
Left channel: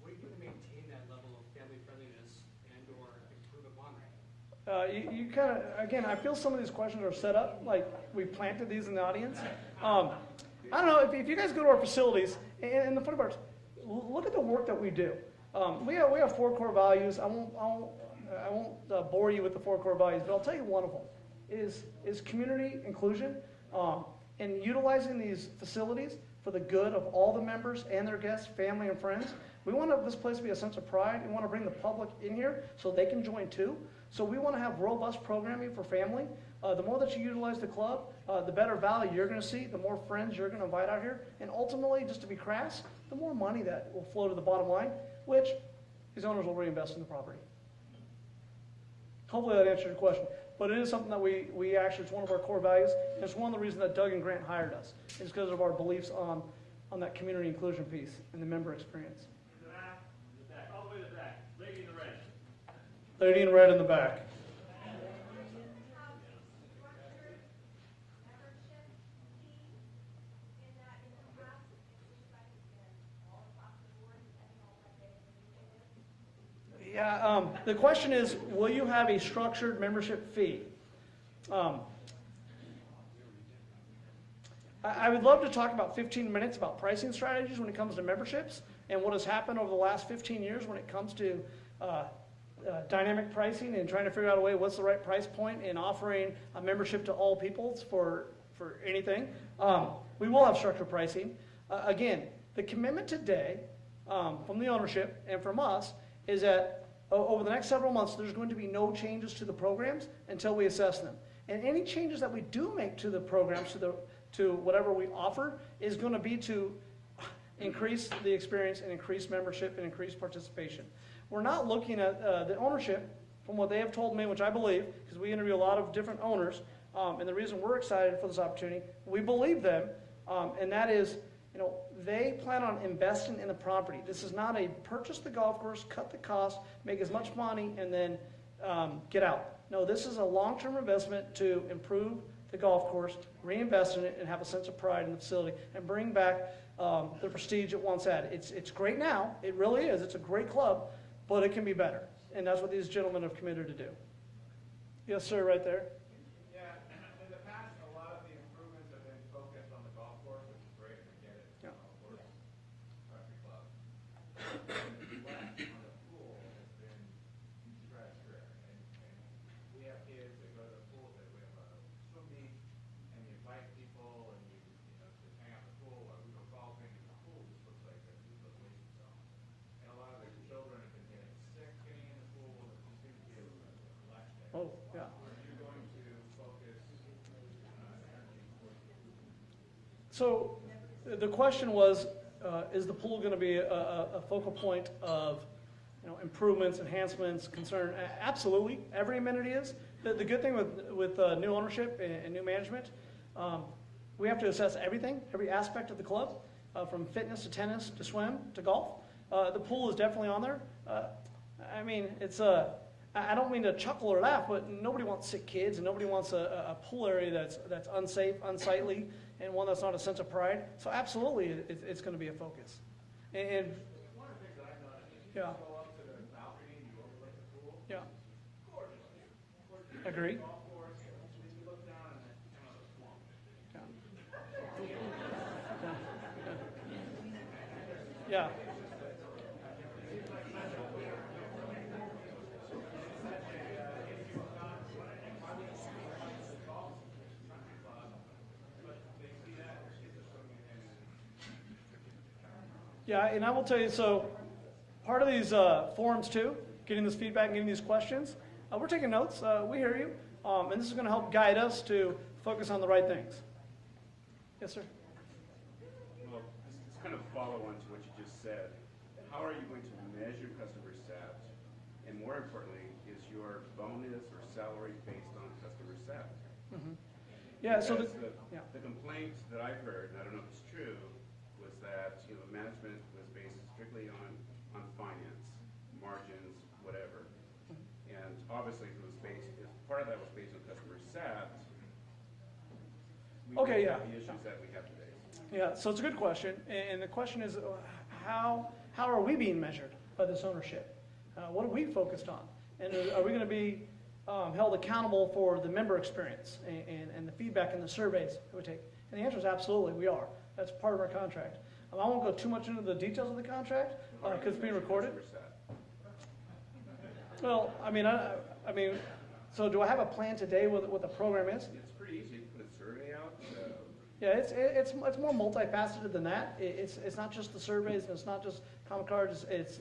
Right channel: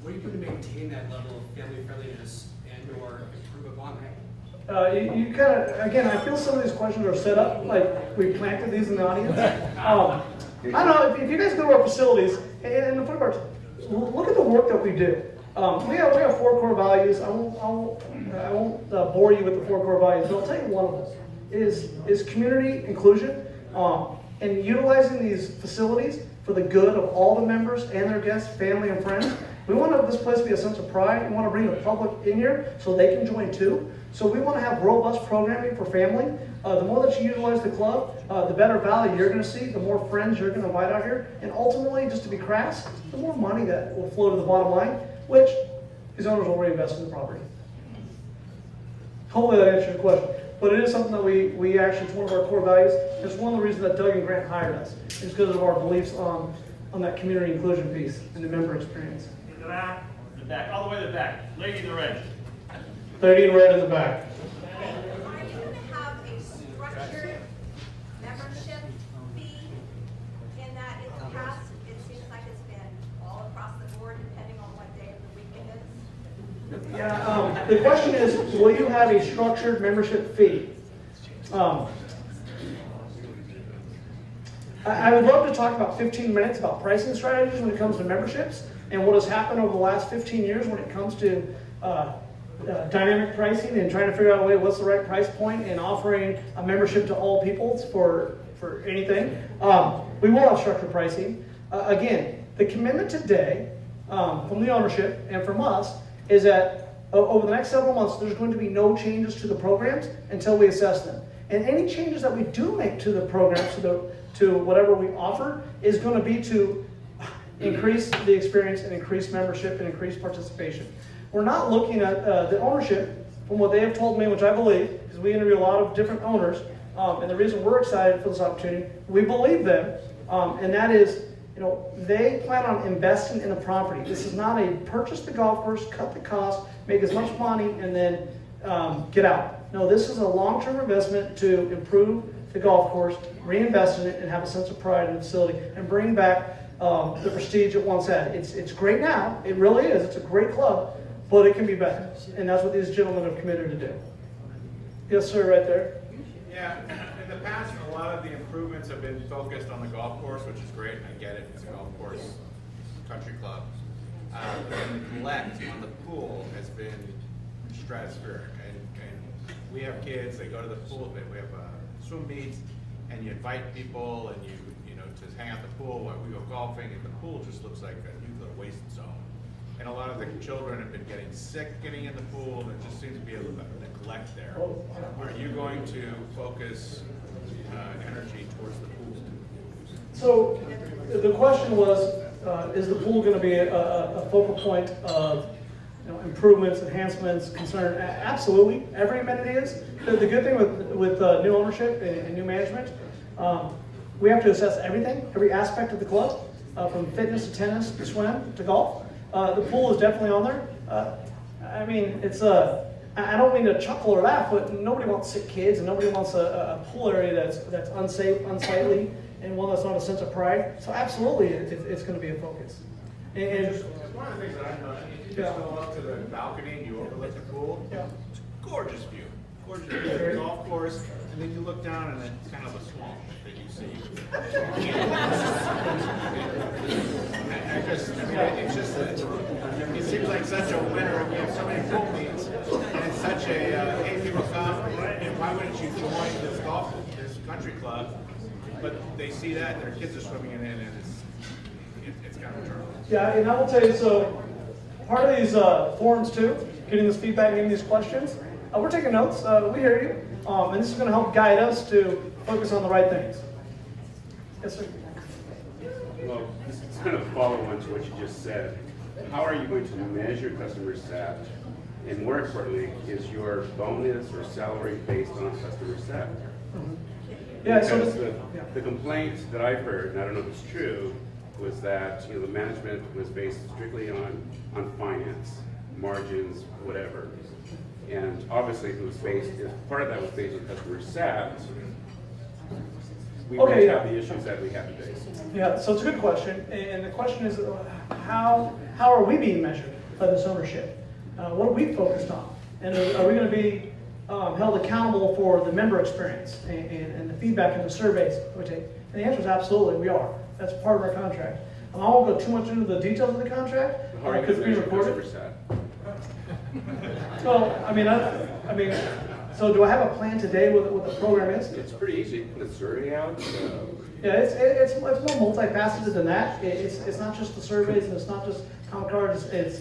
What are you doing to maintain that level of family friendliness and or improve upon that? You kind of, again, I feel some of these questions are set up like we planted these in the audience. I don't know, if you guys go to our facilities, and the food courts, look at the work that we do. We have 4 core values. I won't bore you with the 4 core values, but I'll tell you one of them is community inclusion and utilizing these facilities for the good of all the members and their guests, family, and friends. We want this place to be a sense of pride. We want to bring the public in here so they can join too. So we want to have robust programming for family. The more that you utilize the club, the better value you're going to see, the more friends you're going to invite out here, and ultimately, just to be crass, the more money that will flow to the bottom line, which these owners will reinvest in the property. Hopefully that answers your question. But it is something that we actually, it's one of our core values. It's one of the reasons that Doug and Grant hired us. It's because of our beliefs on that community inclusion piece and the member experience. In the back, all the way to the back. Lady in the red. Lady in red in the back. Are you going to have a structured membership fee in that in the past, it seems like it's been all across the board depending on what day of the week it is? Yeah, the question is, will you have a structured membership fee? I would love to talk about 15 minutes about pricing strategies when it comes to memberships and what has happened over the last 15 years when it comes to dynamic pricing and trying to figure out a way what's the right price point and offering a membership to all people for anything. We will have structured pricing. Again, the commitment today from the ownership and from us is that over the next several months, there's going to be no changes to the programs until we assess them. And any changes that we do make to the programs, to whatever we offer, is going to be to increase the experience and increase membership and increase participation. We're not looking at the ownership, from what they have told me, which I believe, because we interview a lot of different owners, and the reason we're excited for this opportunity, we believe them, and that is, they plan on investing in the property. This is not a purchase the golf course, cut the cost, make as much money, and then get out. No, this is a long-term investment to improve the golf course, reinvest in it, and have a sense of pride in the facility, and bring back the prestige it once had. It's great now, it really is, it's a great club, but it can be better, and that's what these gentlemen have committed to do. Yes, sir, right there. Yeah, in the past, a lot of the improvements have been focused on the golf course, which is great, I get it, it's a golf course, country club. The neglect on the pool has been stratospheric, and we have kids, they go to the pool, we have swim meets, and you invite people, and you know, to hang out the pool while we go golfing, and the pool just looks like a nuclear waste zone. And a lot of the children have been getting sick getting in the pool, and there just seems to be a neglect there. Are you going to focus energy towards the pool? So the question was, is the pool going to be a focal point of improvements, enhancements, concern? Absolutely, every amenity is. The good thing with new ownership and new management, we have to assess everything, every aspect of the club, from fitness to tennis to swim to golf. The pool is definitely on there. I mean, it's I don't mean to chuckle or laugh, but nobody wants sick kids, and nobody wants a pool area that's unsafe, unsightly, and one that's not a sense of pride. So absolutely, it's going to be a focus. And One of the things that I've noticed, if you just go up to the balcony and you overlook the pool, yeah. it's a gorgeous view. Gorgeous view of the golf course, and then you look down and it's kind of a swamp that you see. It's just, it seems like such a winner. We have so many pool meets, and it's such a, hey, people come, and why wouldn't you join this this country club? But they see that, their kids are swimming in it, and it's kind of a turtle. Yeah, and I will tell you, so part of these forums too, getting this feedback, getting these questions, we're taking notes, we hear you, and this is going to help guide us to focus on the right things. Yes, sir? Well, this is kind of a follow-on to what you just said. How are you going to measure customer sat? And more importantly, is your bonus or salary based on customer sat? Yeah, so because the complaint that I've heard, and I don't know if it's true, was that the management was based strictly on finance, margins, whatever. And obviously, if it was based, if part of that was based on customer sat, we wouldn't have the issues that we have today. Yeah, so it's a good question, and the question is, how are we being measured by this ownership? What are we focused on? And are we going to be held accountable for the member experience and the feedback and the surveys we take? And the answer is absolutely, we are. That's part of our contract. I won't go too much into the details of the contract, because it's being recorded. Well, I mean, so do I have a plan today what the program is? It's pretty easy. Put a survey out. Yeah, it's more multifaceted than that. It's not just the surveys, and it's not just comment cards. There's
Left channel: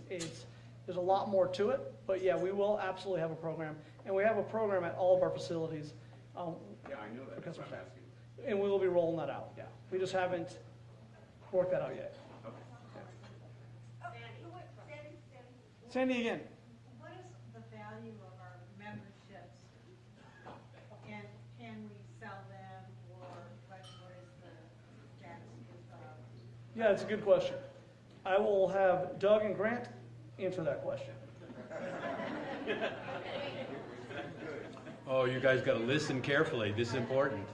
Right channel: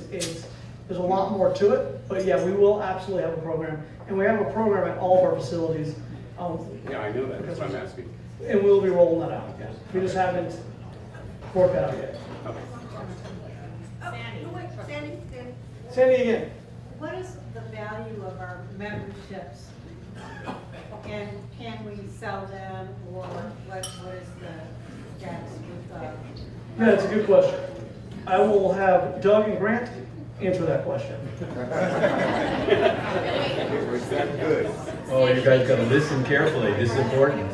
a lot more to it. But yeah, we will absolutely have a program, and we have a program at all of our facilities. Yeah, I know that. That's what I'm asking. And we'll be rolling that out. Yeah. We just haven't worked that out yet. Okay. Sandy. Sandy again. What is the value of our memberships? And can we sell them, or what is the status with Yeah, it's a good question. I will have Doug and Grant answer that question. Was that good? Oh, you guys gotta listen carefully, this is important.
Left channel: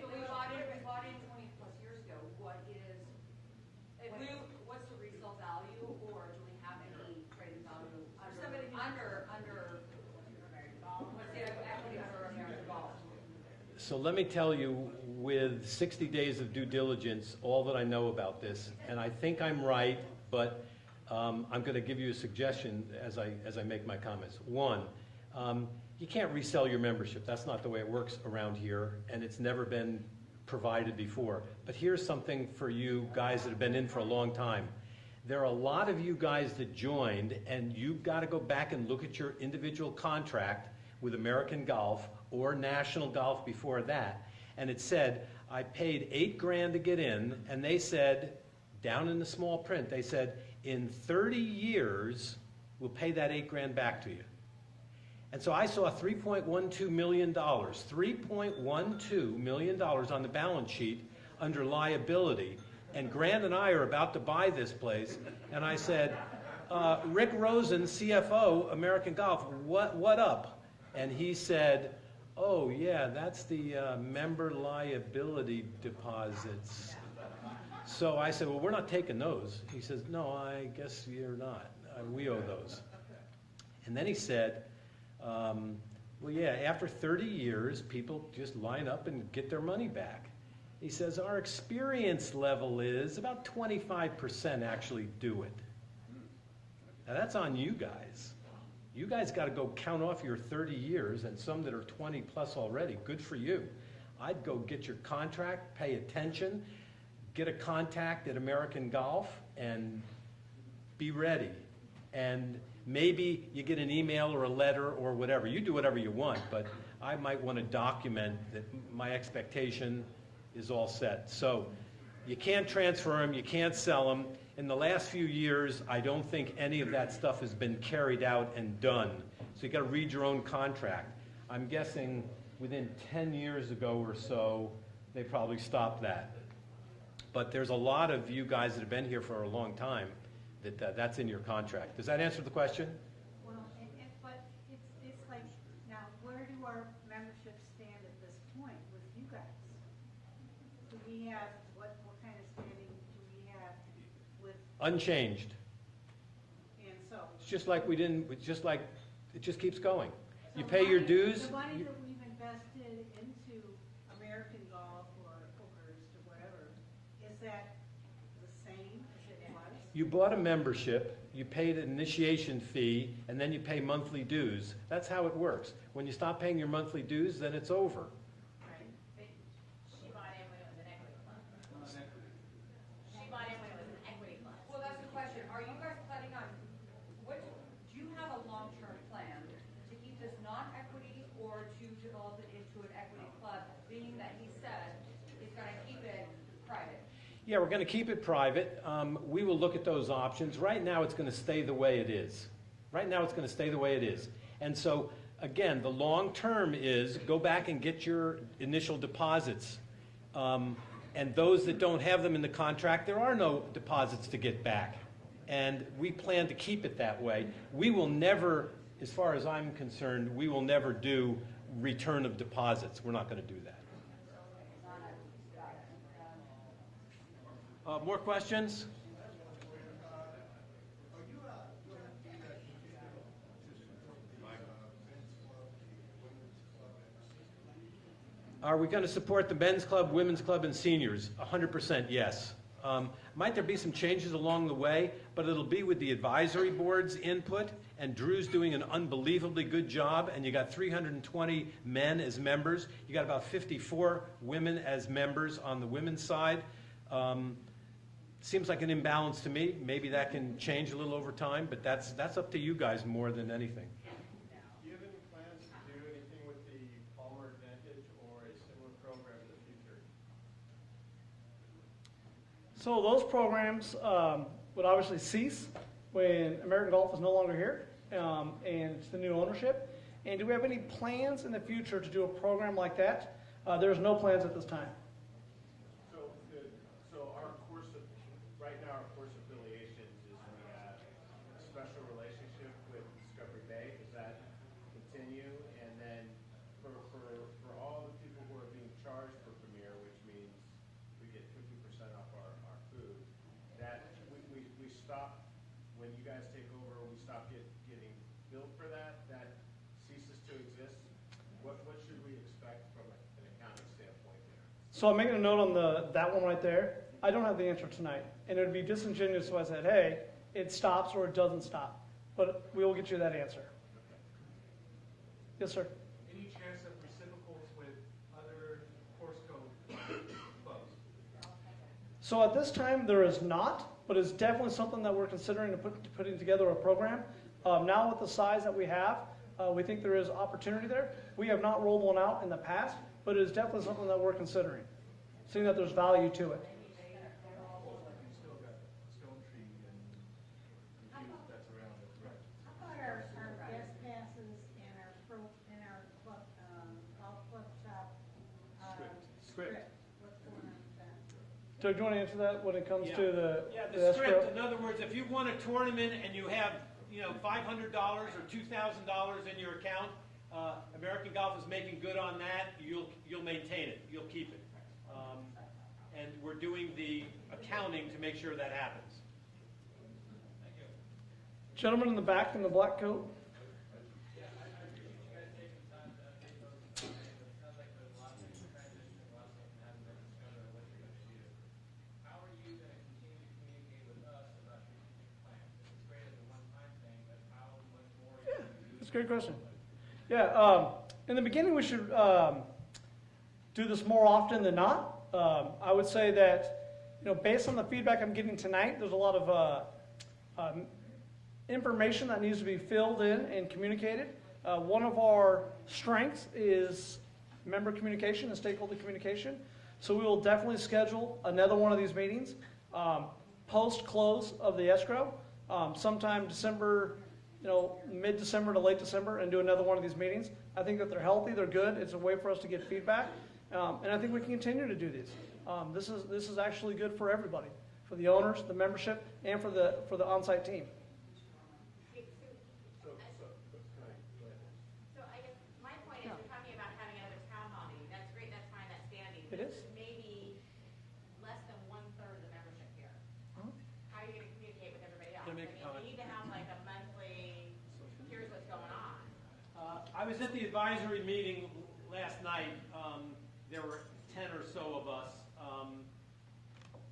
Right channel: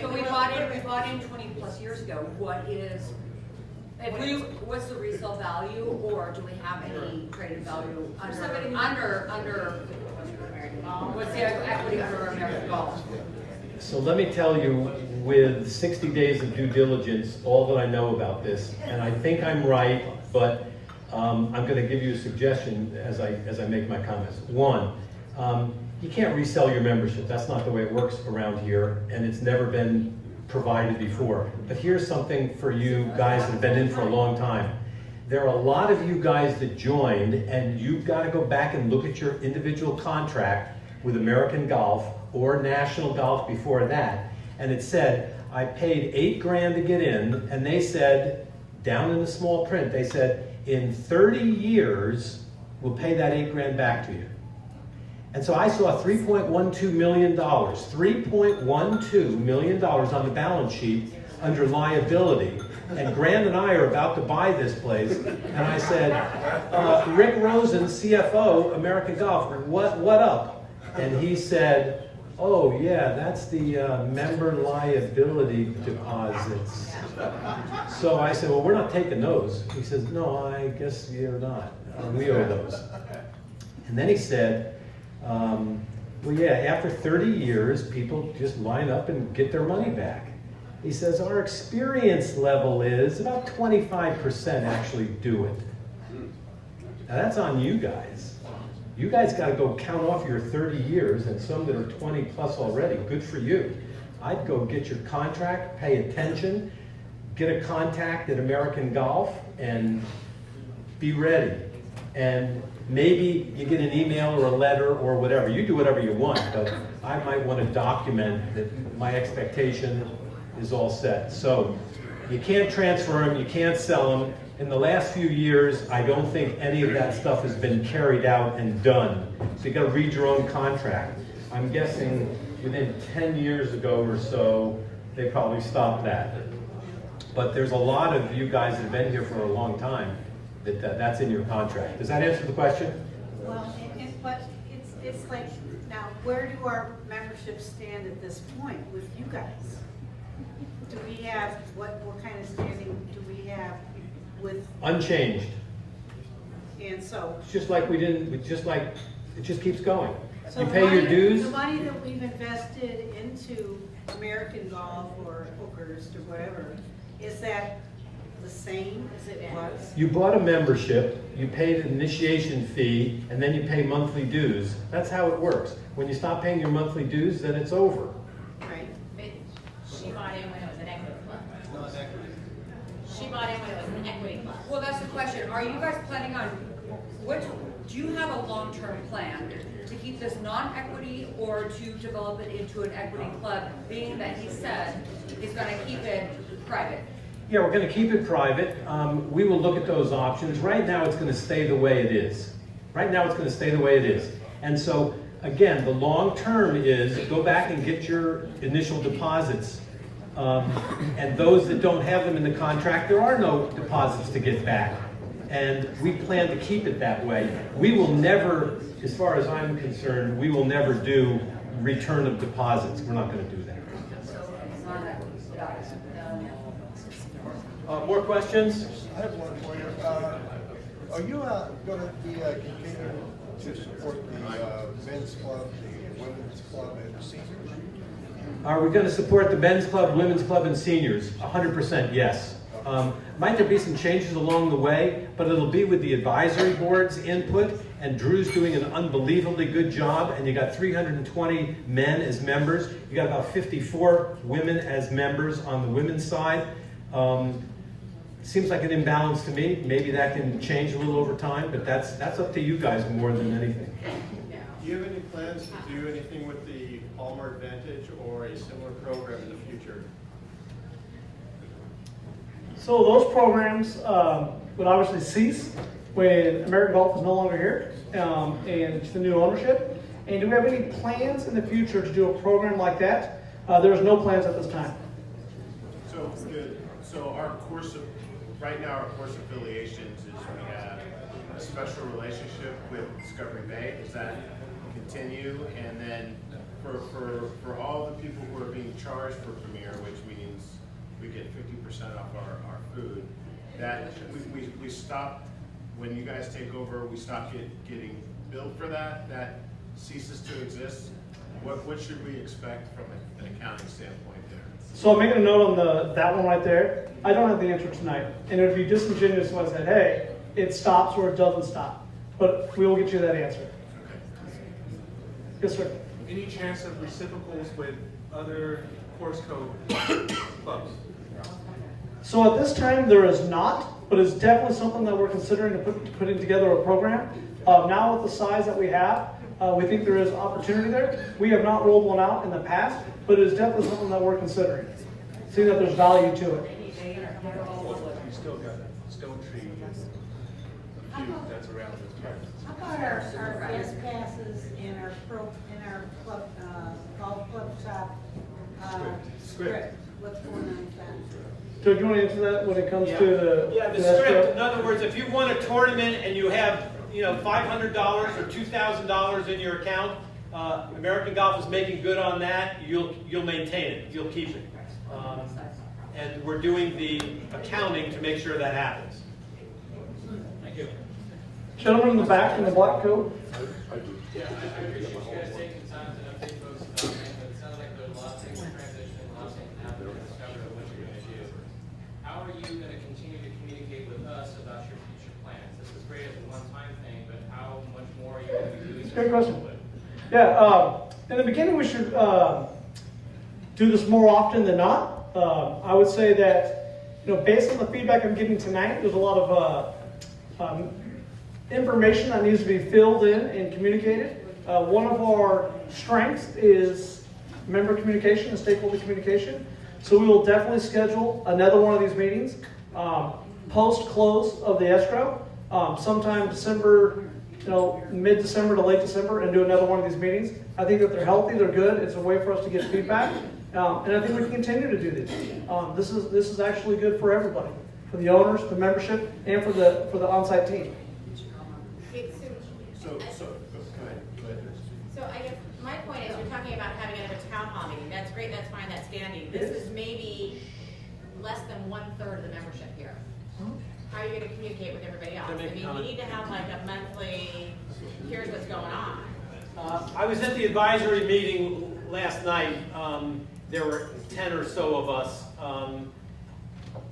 So we bought in 20 plus years ago. What's the resale value, or do we have any traded value under what's the equity under American Golf? So let me tell you, with 60 days of due diligence, all that I know about this, and I think I'm right, but I'm going to give you a suggestion as I make my comments. One, you can't resell your membership. That's not the way it works around here, and it's never been provided before. But here's something for you guys that have been in for a long time. There are a lot of you guys that joined, and you've got to go back and look at your individual contract with American Golf or National Golf before that. And it said, I paid $8 grand to get in, and they said, down in the small print, they said, in 30 years, we'll pay that $8 grand back to you. And so I saw $3.12 million, $3.12 million on the balance sheet under liability. And Grant and I are about to buy this place, and I said, Rick Rosen, CFO, American Golf, what up? And he said, oh yeah, that's the member liability deposits. So I said, well, we're not taking those. He says, no, I guess you're not. We owe those. And then he said, well, yeah, after 30 years, people just line up and get their money back. He says, our experience level is about 25% actually do it. Now that's on you guys. You guys got to go count off your 30 years, and some that are 20 plus already. Good for you. I'd go get your contract, pay attention, get a contact at American Golf, and be ready. And maybe you get an email or a letter or whatever. You do whatever you want, but I might want to document that my expectation is all set. So you can't transfer them, you can't sell them. In the last few years, I don't think any of that stuff has been carried out and done. So you got to read your own contract. I'm guessing within 10 years ago or so, they probably stopped that. But there's a lot of you guys that have been here for a long time that's in your contract. Does that answer the question? Well, but it's like, now, where do our memberships stand at this point with you guys? Do we have, what kind of standing do we have with? Unchanged. And so. It's just like it just keeps going. So You pay your dues. The money that we've invested into American Golf or Oakhurst or whatever, is that the same as it was? You bought a membership, you paid an initiation fee, and then you pay monthly dues. That's how it works. When you stop paying your monthly dues, then it's over. Right. She bought in when it was an equity club. She bought in when it was an equity club. Well, that's the question. Are you guys planning on, do you have a long-term plan to keep this non-equity or to develop it into an equity club, being that he said he's gonna keep it private? Yeah, we're going to keep it private. We will look at those options. Right now, it's going to stay the way it is. Right now, it's going to stay the way it is. And so, again, the long term is go back and get your initial deposits. And those that don't have them in the contract, there are no deposits to get back. And we plan to keep it that way. We will never, as far as I'm concerned, we will never do return of deposits. We're not going to do that. More questions? I have one for you. Are you going to be continuing to support the men's club, the women's club, and the seniors? Are we going to support the men's club, women's club, and seniors? 100% yes. Might there be some changes along the way, but it'll be with the advisory board's input, and Drew's doing an unbelievably good job, and you got 320 men as members. You got about 54 women as members on the women's side. Seems like an imbalance to me. Maybe that can change a little over time, but that's up to you guys more than anything. Do you have any plans to do anything with the Palmer Advantage or a similar program in the future? So those programs would obviously cease when American Golf is no longer here and it's the new ownership. And do we have any plans in the future to do a program like that? There's no plans at this time. So our course of, right now our course affiliations is we have a special relationship with Discovery Bay. Does that continue? And then for all the people who are being charged for Premier, which means we get 50% off our food, that we stop, when you guys take over, we stop getting billed for that. That ceases to exist. What should we expect from an accounting standpoint there? So I'm making a note on that one right there. I don't have the answer tonight. And it would be disingenuous if I said, hey, it stops or it doesn't stop. But we will get you that answer. Yes, sir. Any chance of reciprocals with other course code clubs? So at this time, there is not, but it's definitely something that we're considering putting together a program. Now with the size that we have, we think there is opportunity there. We have not rolled one out in the past, but it is definitely something that we're considering. See that there's value to it. You still got Stone Tree and a few that's around those parts. How about our guest passes in our club, golf club shop script? what's going on with that? Joe, do you want to answer that when it comes to the? Yeah, the escrow? script, in other words, if you won a tournament and you have, $500 or $2,000 in your account, American Golf is making good on that, you'll maintain it, you'll keep it. And we're doing the accounting to make sure that happens. Thank you. Gentleman in the back in the black coat. Yeah, I appreciate you guys taking time to update folks about it, but it sounds like there's a lot of things in transition, a lot of things happening to discover what you're gonna do. How are you gonna continue to communicate with us about your future plans? This is great as a one-time thing, but how much more are you gonna be doing? Great question. Yeah, in the beginning we should do this more often than not. I would say that, based on the feedback I'm getting tonight, there's a lot of information that needs to be filled in and communicated. One of our strengths is member communication and stakeholder communication. So we will definitely schedule another one of these meetings post-close of the escrow, sometime December, mid-December to late December, and do another one of these meetings. I think that they're healthy, they're good. It's a way for us to get feedback. And I think we can continue to do this. This is actually good for everybody, for the owners, the membership, and for the on-site team. So I guess my point is, you're talking about having another town hall meeting. That's great, that's fine, that's dandy. This is maybe less than 1/3 of the membership here. How are you gonna communicate with everybody else? I mean, you need to have like a monthly, here's what's going on. I was at the advisory meeting last night. There were 10 or so of us.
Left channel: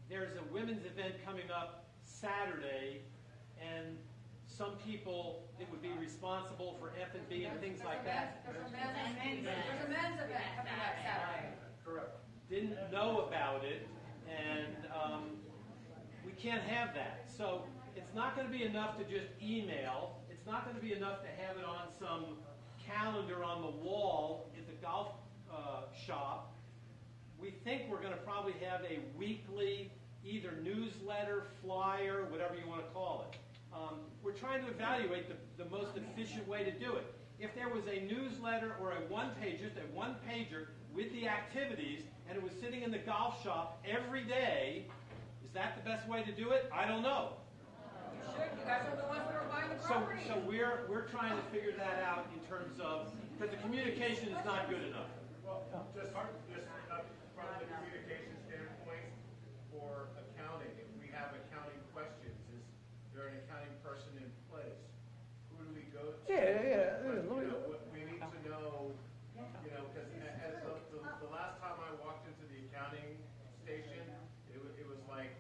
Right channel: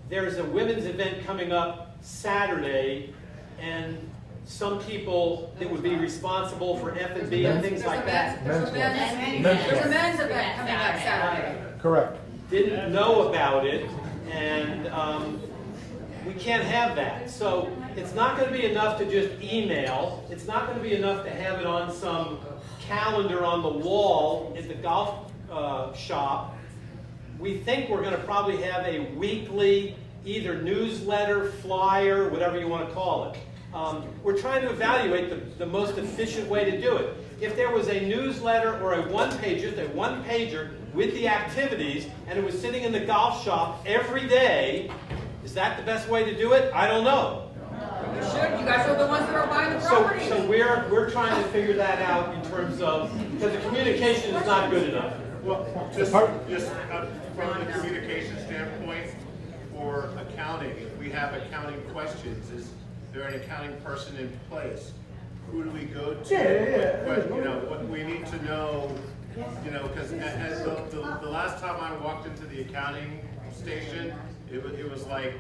There's a women's event coming up Saturday, and some people that would be responsible for F&B and things like that. There's a men's event coming up Saturday. Correct. Didn't know about it, and we can't have that. So it's not going to be enough to just email. It's not going to be enough to have it on some calendar on the wall at the golf shop. We think we're going to probably have a weekly either newsletter, flyer, whatever you want to call it. We're trying to evaluate the most efficient way to do it. If there was a newsletter or a one-pager with the activities, and it was sitting in the golf shop every day, is that the best way to do it? I don't know. You should, you guys are the ones that are buying the property. So we're trying to figure that out in terms of, because the communication is not good enough. Well, just from the communication standpoint, for accounting, if we have accounting questions, is there an accounting person in place? Who do we go to? What we need to know, because the last time I walked into the accounting station, it was like,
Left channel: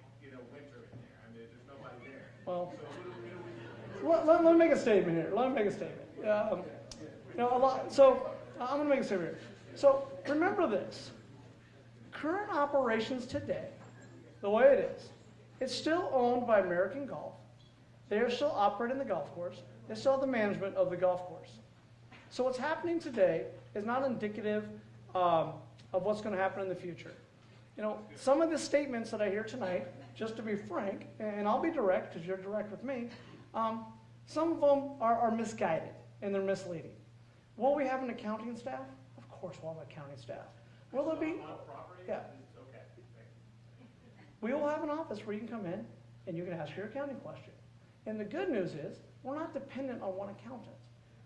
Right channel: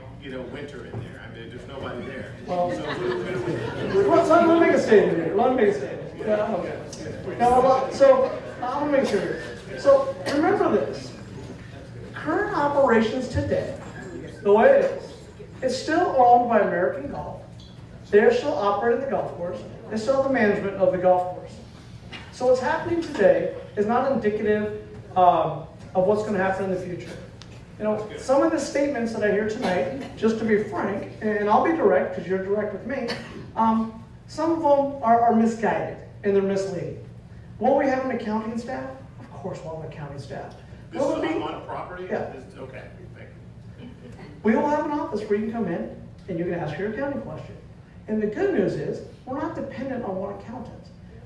winter in there. I mean, there's nobody there. Well, So who do we? let me make a statement here. Let me make a statement. Yeah, okay. So I'm gonna make a statement. So remember this. Current operations today, the way it is, it's still owned by American Golf. They're still operating the golf course. They still have the management of the golf course. So what's happening today is not indicative of what's going to happen in the future. Some of the statements that I hear tonight, just to be frank, and I'll be direct because you're direct with me, some of them are misguided and they're misleading. Will we have an accounting staff? Of course we'll have an accounting staff. This is on property? Yeah. Okay, thank you. We will have an office where you can come in and you can ask your accounting question. And the good news is, we're not dependent on one accountant.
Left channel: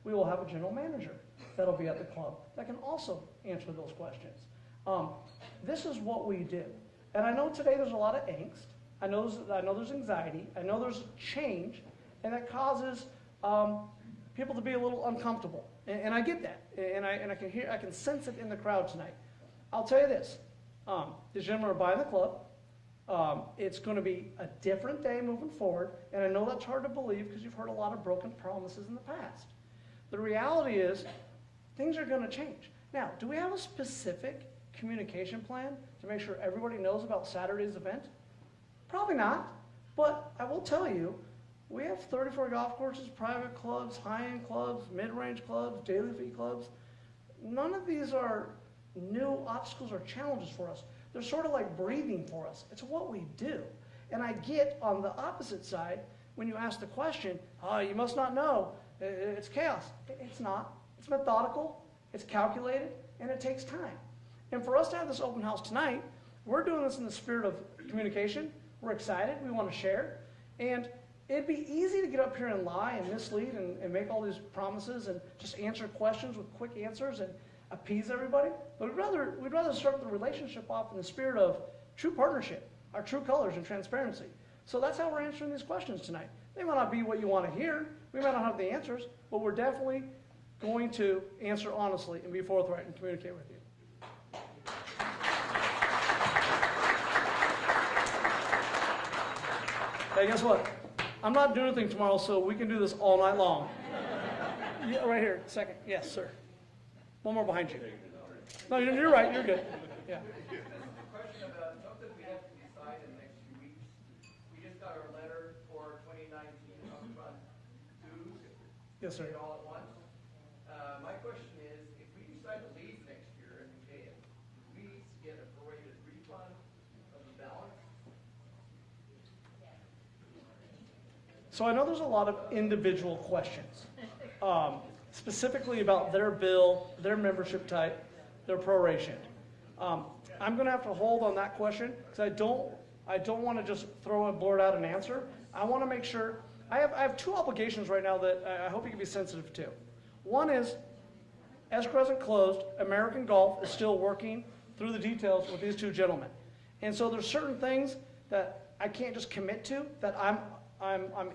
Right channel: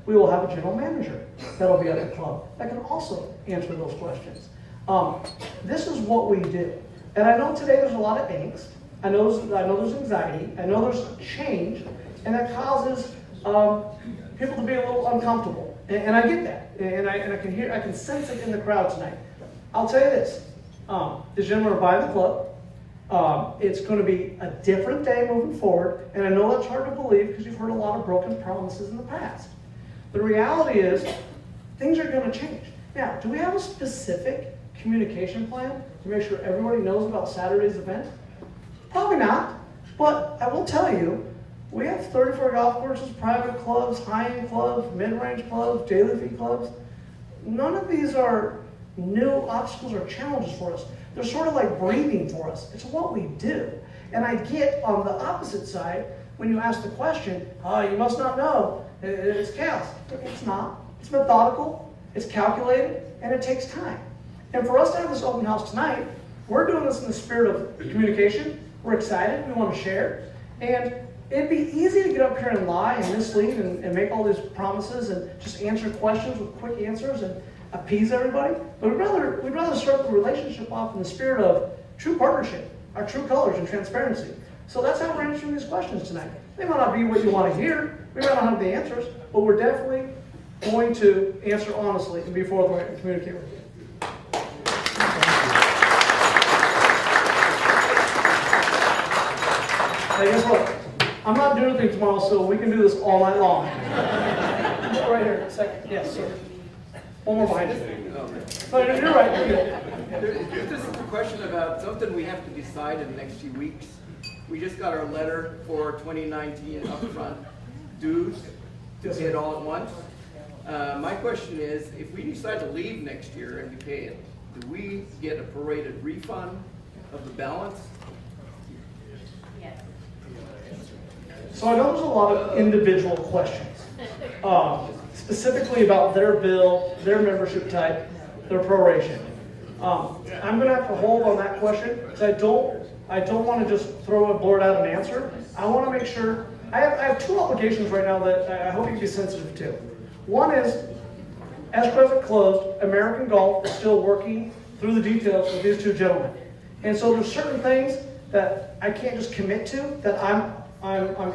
We will have a general manager that'll be at the club that can also answer those questions. This is what we do. And I know today there's a lot of angst. I know there's anxiety. I know there's change. And that causes people to be a little uncomfortable. And I get that. And I can sense it in the crowd tonight. I'll tell you this. The gentlemen are buying the club. It's going to be a different day moving forward, and I know that's hard to believe because you've heard a lot of broken promises in the past. The reality is, things are going to change. Now, do we have a specific communication plan to make sure everybody knows about Saturday's event? Probably not, but I will tell you, we have 34 golf courses, private clubs, high-end clubs, mid-range clubs, daily fee clubs. None of these are new obstacles or challenges for us. They're sort of like breathing for us. It's what we do. And I get on the opposite side, when you ask the question, you must not know, it's chaos. It's not. It's methodical, it's calculated, and it takes time. And for us to have this open house tonight, we're doing this in the spirit of communication. We're excited, we want to share. And it'd be easy to get up here and lie and mislead and make all these promises and just answer questions with quick answers and appease everybody. But we'd rather start the relationship off in the spirit of true partnership, our true colors and transparency. So that's how we're answering these questions tonight. They might not be what you want to hear, we might not have the answers, but we're definitely going to answer honestly and be forthright and communicate with you. Hey, guess what? I'm not doing anything tomorrow, so we can do this all night long. Right here, second. Yes, sir. One more behind you. No, you're right, you're good. This is a question about something we have to decide in the next few weeks. We just got our letter for 2019 upfront dues to pay it all at once. My question is, if we decide to leave next year and we pay it, do we get a prorated refund of the balance? Yes. So I know there's a lot of individual questions, specifically about their bill, their membership type, their proration. I'm going to have to hold on that question because I don't want to just throw a blurt out an answer. I want to make sure. I have two obligations right now that I hope you can be sensitive to. One is, as present closed, American Golf is still working through the details with these two gentlemen. And so there's certain things that I can't just commit to, that I'm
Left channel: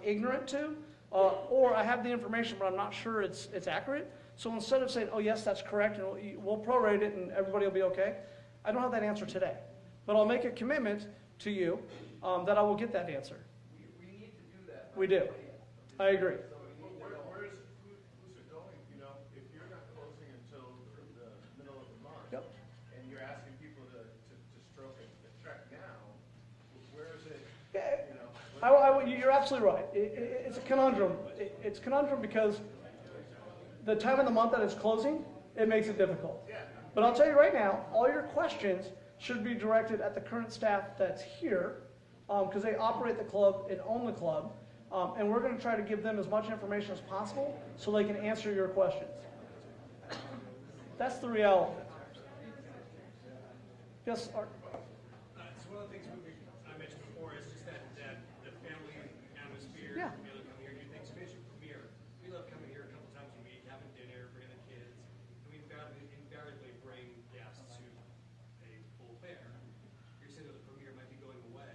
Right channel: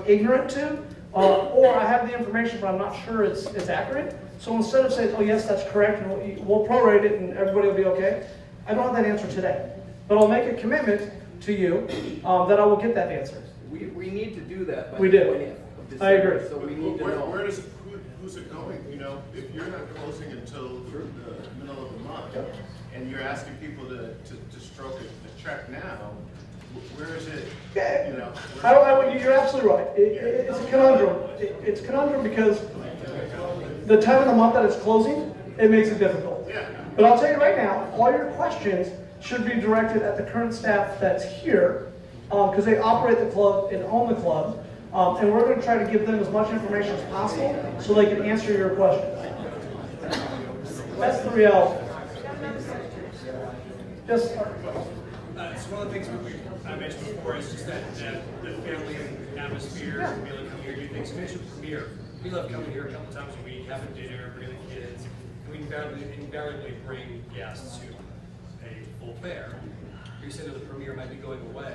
ignorant to, or I have the information but I'm not sure it's accurate. So instead of saying, oh yes, that's correct, and we'll prorate it and everybody will be okay, I don't have that answer today. But I'll make a commitment to you that I will get that answer. We need to do that by We the do. 20th of December. I agree. So we need to know. Who's it going? You know, if you're not closing until the middle of the month, and you're asking people to stroke the check now, where is it? You know, You're absolutely right. It's a conundrum. It's a conundrum because the time of the month that it's closing, it makes it difficult. But I'll tell you right now, all your questions should be directed at the current staff that's here, because they operate the club and own the club, and we're going to try to give them as much information as possible so they can answer your questions. That's the reality. Yes. So one of the things I mentioned before is just that the family atmosphere, be able to come here and do things. You mentioned Premier. We love coming here a couple times a week, having dinner, bringing the kids. And we invariably bring guests who pay full fare. You said that the Premier might be going away.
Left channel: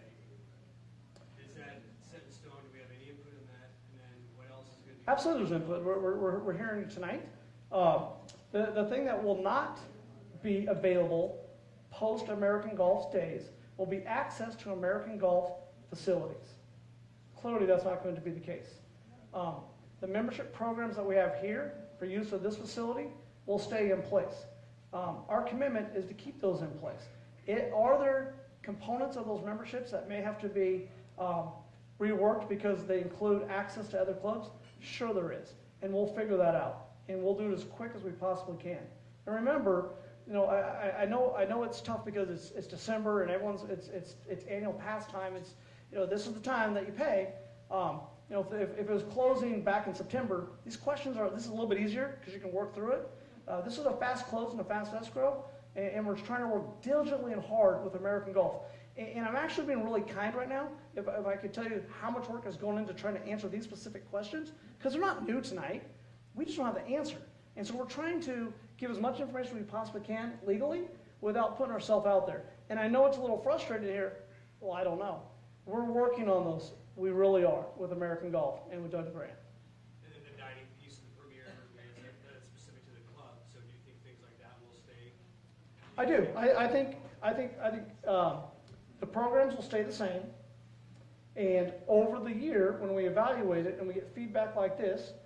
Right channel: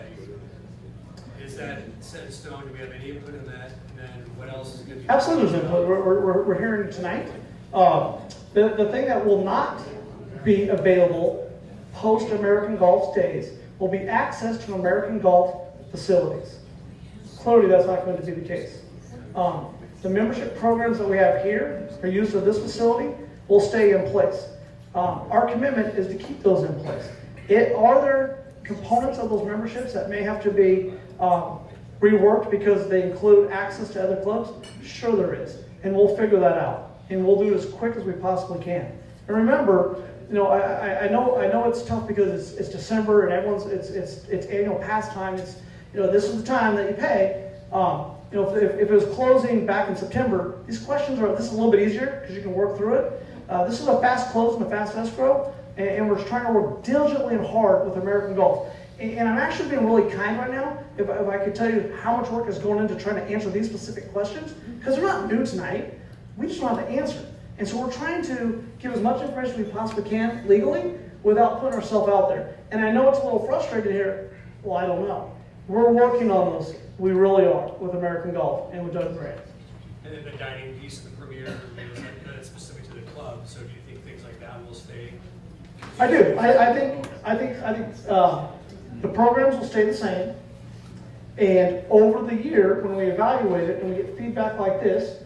Is that set in stone? Do we have any input in that? And then what else is going to be? Absolutely, there's input. We're hearing tonight. The thing that will not be available post-American Golf's days will be access to American Golf facilities. Clearly, that's not going to be the case. The membership programs that we have here for use of this facility will stay in place. Our commitment is to keep those in place. Are there components of those memberships that may have to be reworked because they include access to other clubs? Sure there is, and we'll figure that out, and we'll do it as quick as we possibly can. And remember, you know, I know it's tough because it's December and everyone's it's annual pastime. It's, you know, this is the time that you pay. You know, if it was closing back in September, these questions this is a little bit easier because you can work through it. This is a fast close and a fast escrow, and we're trying to work diligently and hard with American Golf. And I'm actually being really kind right now, if I could tell you how much work is going into trying to answer these specific questions, because they're not new tonight. We just don't have the answer. And so we're trying to give as much information as we possibly can legally without putting ourselves out there. And I know it's a little frustrating here. Well, I don't know. We're working on those. We really are with American Golf and with Doug Grant. And then the dining piece of the Premier that's specific to the club. So do you think things like that will stay? I do. I think the programs will stay the same. And over the year, when we evaluate it and we get feedback like this,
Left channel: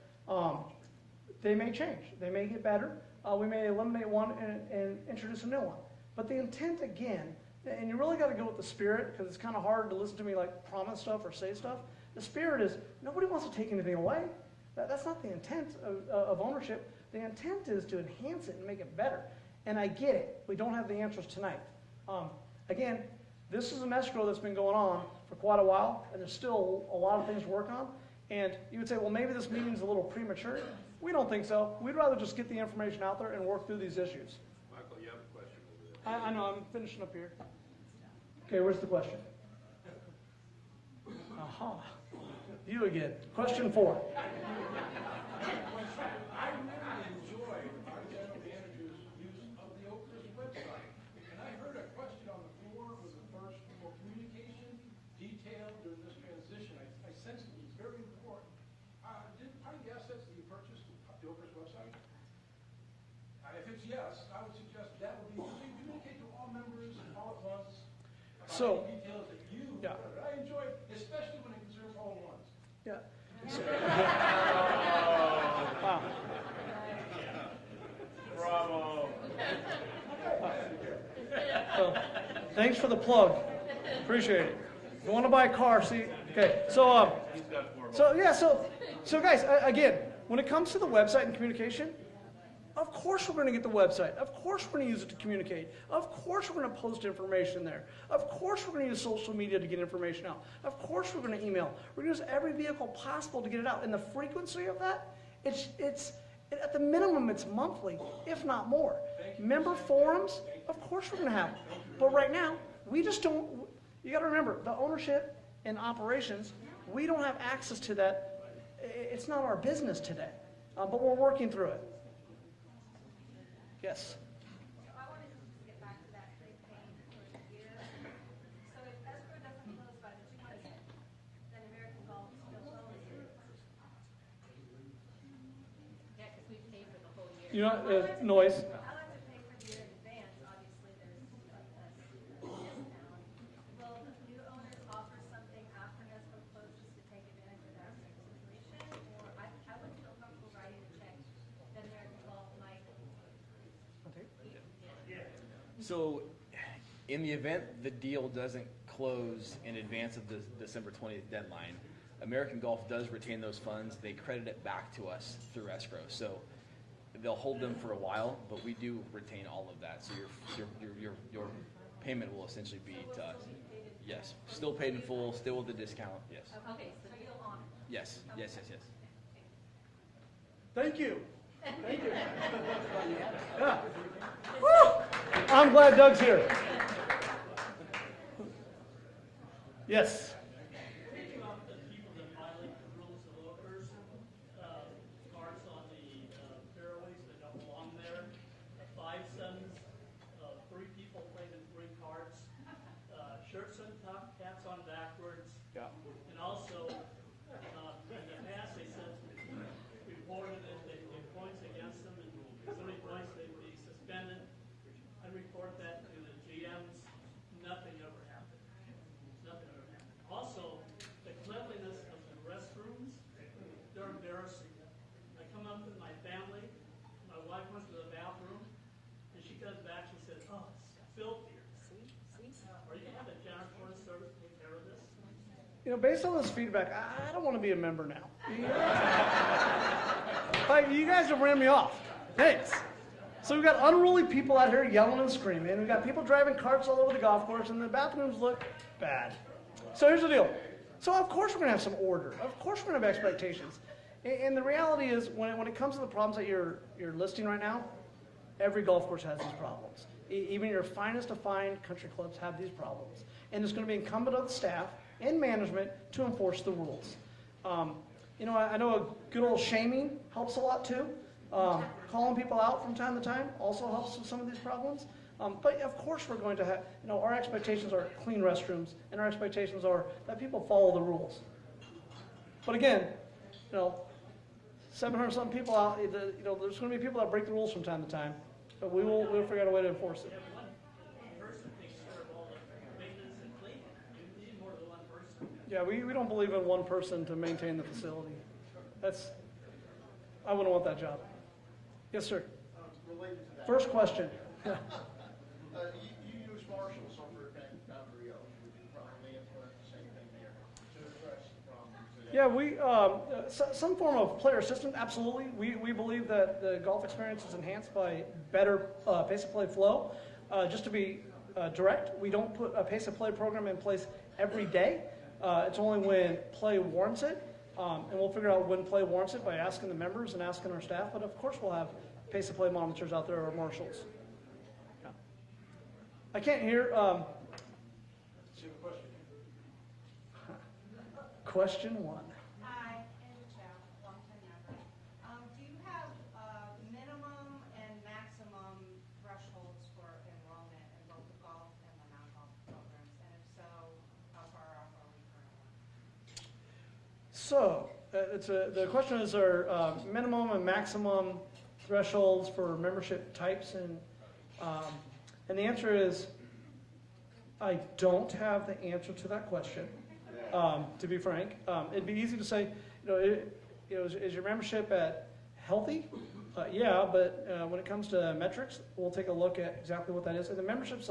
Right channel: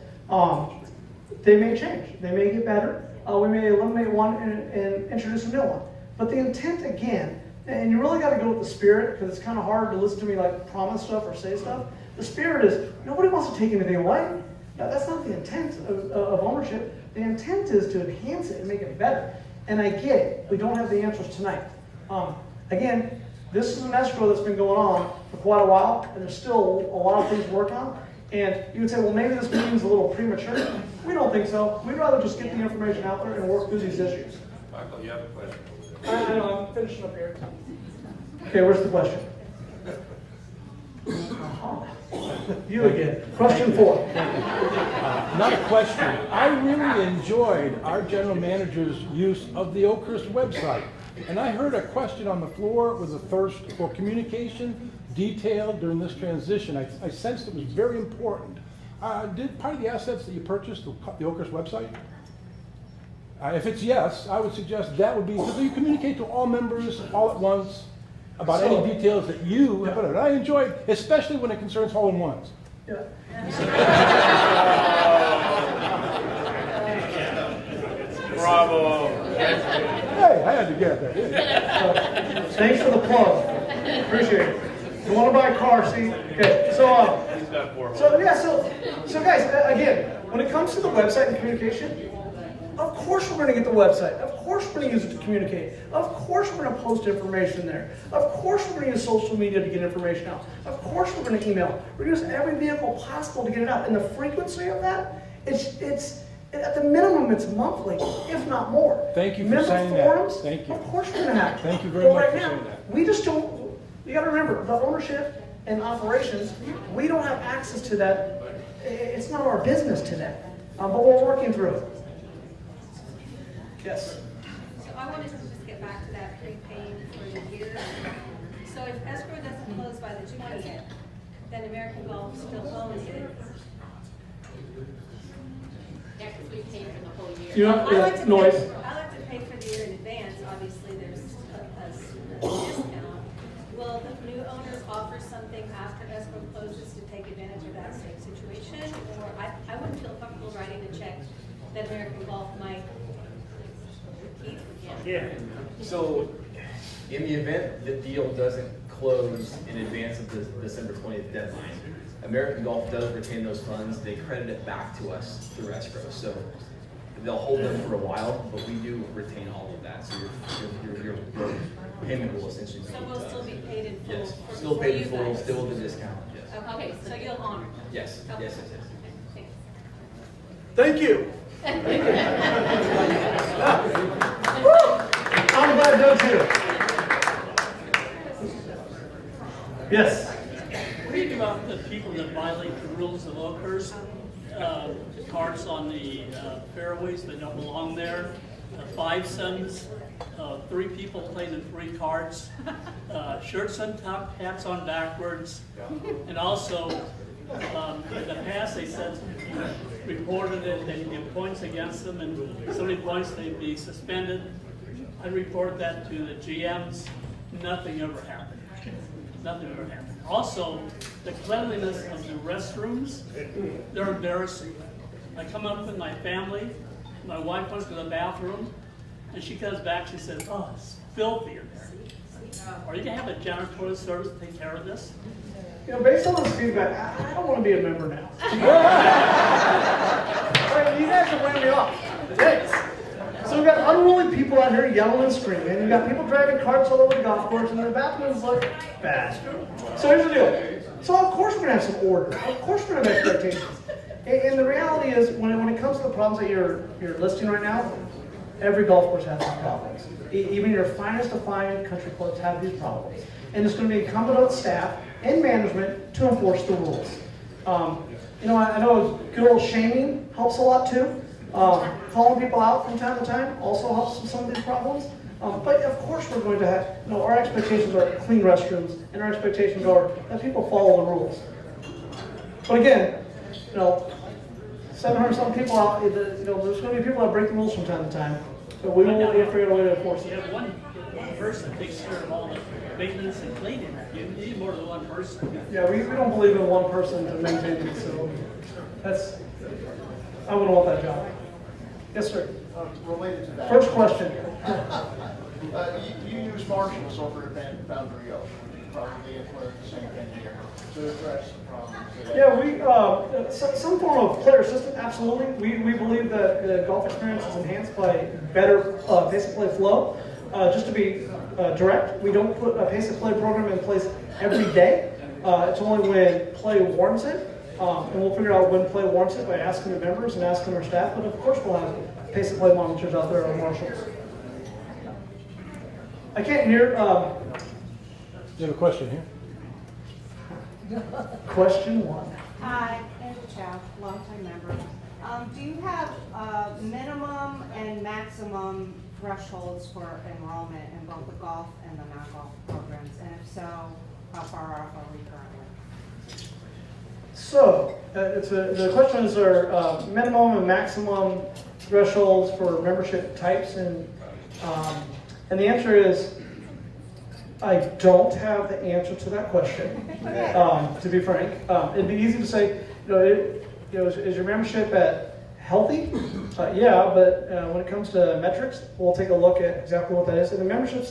they may change. They may get better. We may eliminate one and introduce a new one. But the intent, again, and you really got to go with the spirit, because it's kind of hard to listen to me like promise stuff or say stuff. The spirit is, nobody wants to take anything away. That's not the intent of ownership. The intent is to enhance it and make it better. And I get it. We don't have the answers tonight. Again, this is an escrow that's been going on for quite a while, and there's still a lot of things to work on. And you would say, well, maybe this meeting's a little premature. We don't think so. We'd rather just get the information out there and work through these issues. Michael, you have a question? I know, I'm finishing up here. Okay, where's the question? You again. Question 4. Not a question. I really enjoyed our general manager's use of the Oakhurst website. And I heard a question on the floor with a thirst for communication, detail during this transition. I sensed it was very important. Did part of the assets that you purchased the Oakhurst website? If it's yes, I would suggest that would be, so you communicate to all members all at once about any details that you have put out. I enjoyed, especially when it concerns hole-in-ones. Yeah. Bravo. Hey, I had to get that. Yeah. Thanks for the plug. Appreciate it. You want to buy a car, see? Okay, so guys, again, when it comes to the website and communication, of course we're going to get the website. Of course we're going to use it to communicate. Of course we're going to post information there. Of course we're going to use social media to get information out. Of course we're going to email. We're going to use every vehicle possible to get it out. And the frequency of that, it's at the minimum, it's monthly, if not more. Thank you for saying that. Forums, Thank you. of course we're going to have it. Thank you very much right for now, saying that. we just don't, you got to remember, the ownership and operations, we don't have access to that. It's not our business today, but we're working through it. Yes. So I wanted to just get back to that prepaying for the year. So if escrow doesn't close by the 20th, then American Golf still owns it. Next we pay for the whole year. You know, I like to noise. pay for the year in advance. Obviously, there's a discount. Will the new owners offer something after escrow closes to take advantage of that same situation? Or I wouldn't feel comfortable writing a check that American Golf might keep. Yeah. So, in the event the deal doesn't close in advance of the December 20th deadline, American Golf does retain those funds. They credit it back to us through escrow. So they'll hold them for a while, but we do retain all of that. So your payment will essentially be. So we'll still be paid in full. Yes, for- still for paid you in full, guys. still with the discount. Yes. Okay, so you'll honor. Yes. Okay. Yes. Yes. Yes. Okay, Thank you. thanks. I'm glad Doug's here. Yes. What do you think about the people that violate the rules of Oakhurst? The carts on the fairways that don't belong there, 5 sons, 3 people playing in 3 carts, shirts untucked, hats on backwards, and also in the past they said reported it, they'd give points against them, and so many points they'd be suspended. I reported that to the GMs. Nothing ever happened. Nothing ever happened. Also, the cleanliness of the restrooms, they're embarrassing. I come up with my family, my wife went to the bathroom, and she comes back, she says, oh, it's filthy in there. Are you gonna have a janitorial service to take care of this? You know, based on this feedback, I don't want to be a member now. Like, you guys have ran me off. Thanks. So we've got unruly people out here yelling and screaming. We've got people driving carts all over the golf course, and the bathrooms look bad. So here's the deal. So of course we're going to have some order. Of course we're going to have expectations. And the reality is, when it comes to the problems that you're listing right now, every golf course has these problems. Even your finest of fine country clubs have these problems. And it's going to be incumbent on staff and management to enforce the rules. You know, I know good old shaming helps a lot too. Calling people out from time to time also helps with some of these problems. But of course we're going to have, you know, our expectations are clean restrooms, and our expectations are that people follow the rules. But again, you know, 700-something people out, you know, there's going to be people that break the rules from time to time. But we will figure out a way to enforce it. You have one person that takes care of all the maintenance and cleaning. You need more than one person. Yeah, we don't believe in one person to maintain the facility. That's, I wouldn't want that job. Yes, sir. Related to that. First question. You use marshals over at Boundary Oak, which is probably implement the same thing here to address the problems. Yeah, we some form of player assistant, absolutely. We believe that the golf experience is enhanced by better pace of play flow. Just to be direct, we don't put a pace of play program in place every day. It's only when play warrants it. And we'll figure out when play warrants it by asking the members and asking our staff. But of course we'll have pace of play monitors out there on marshals. I can't hear. You have a question here? Question one. Hi, Andrew Chow, longtime member. Do you have minimum and maximum thresholds for enrollment in both the golf and the non-golf programs? And if so, how far off are we currently? So, the question is, are minimum and maximum thresholds for membership types, and the answer is, I don't have the answer to that question, to be frank. It'd be easy to say, is your membership at healthy? Yeah, but when it comes to metrics, we'll take a look at exactly what that is. And the membership's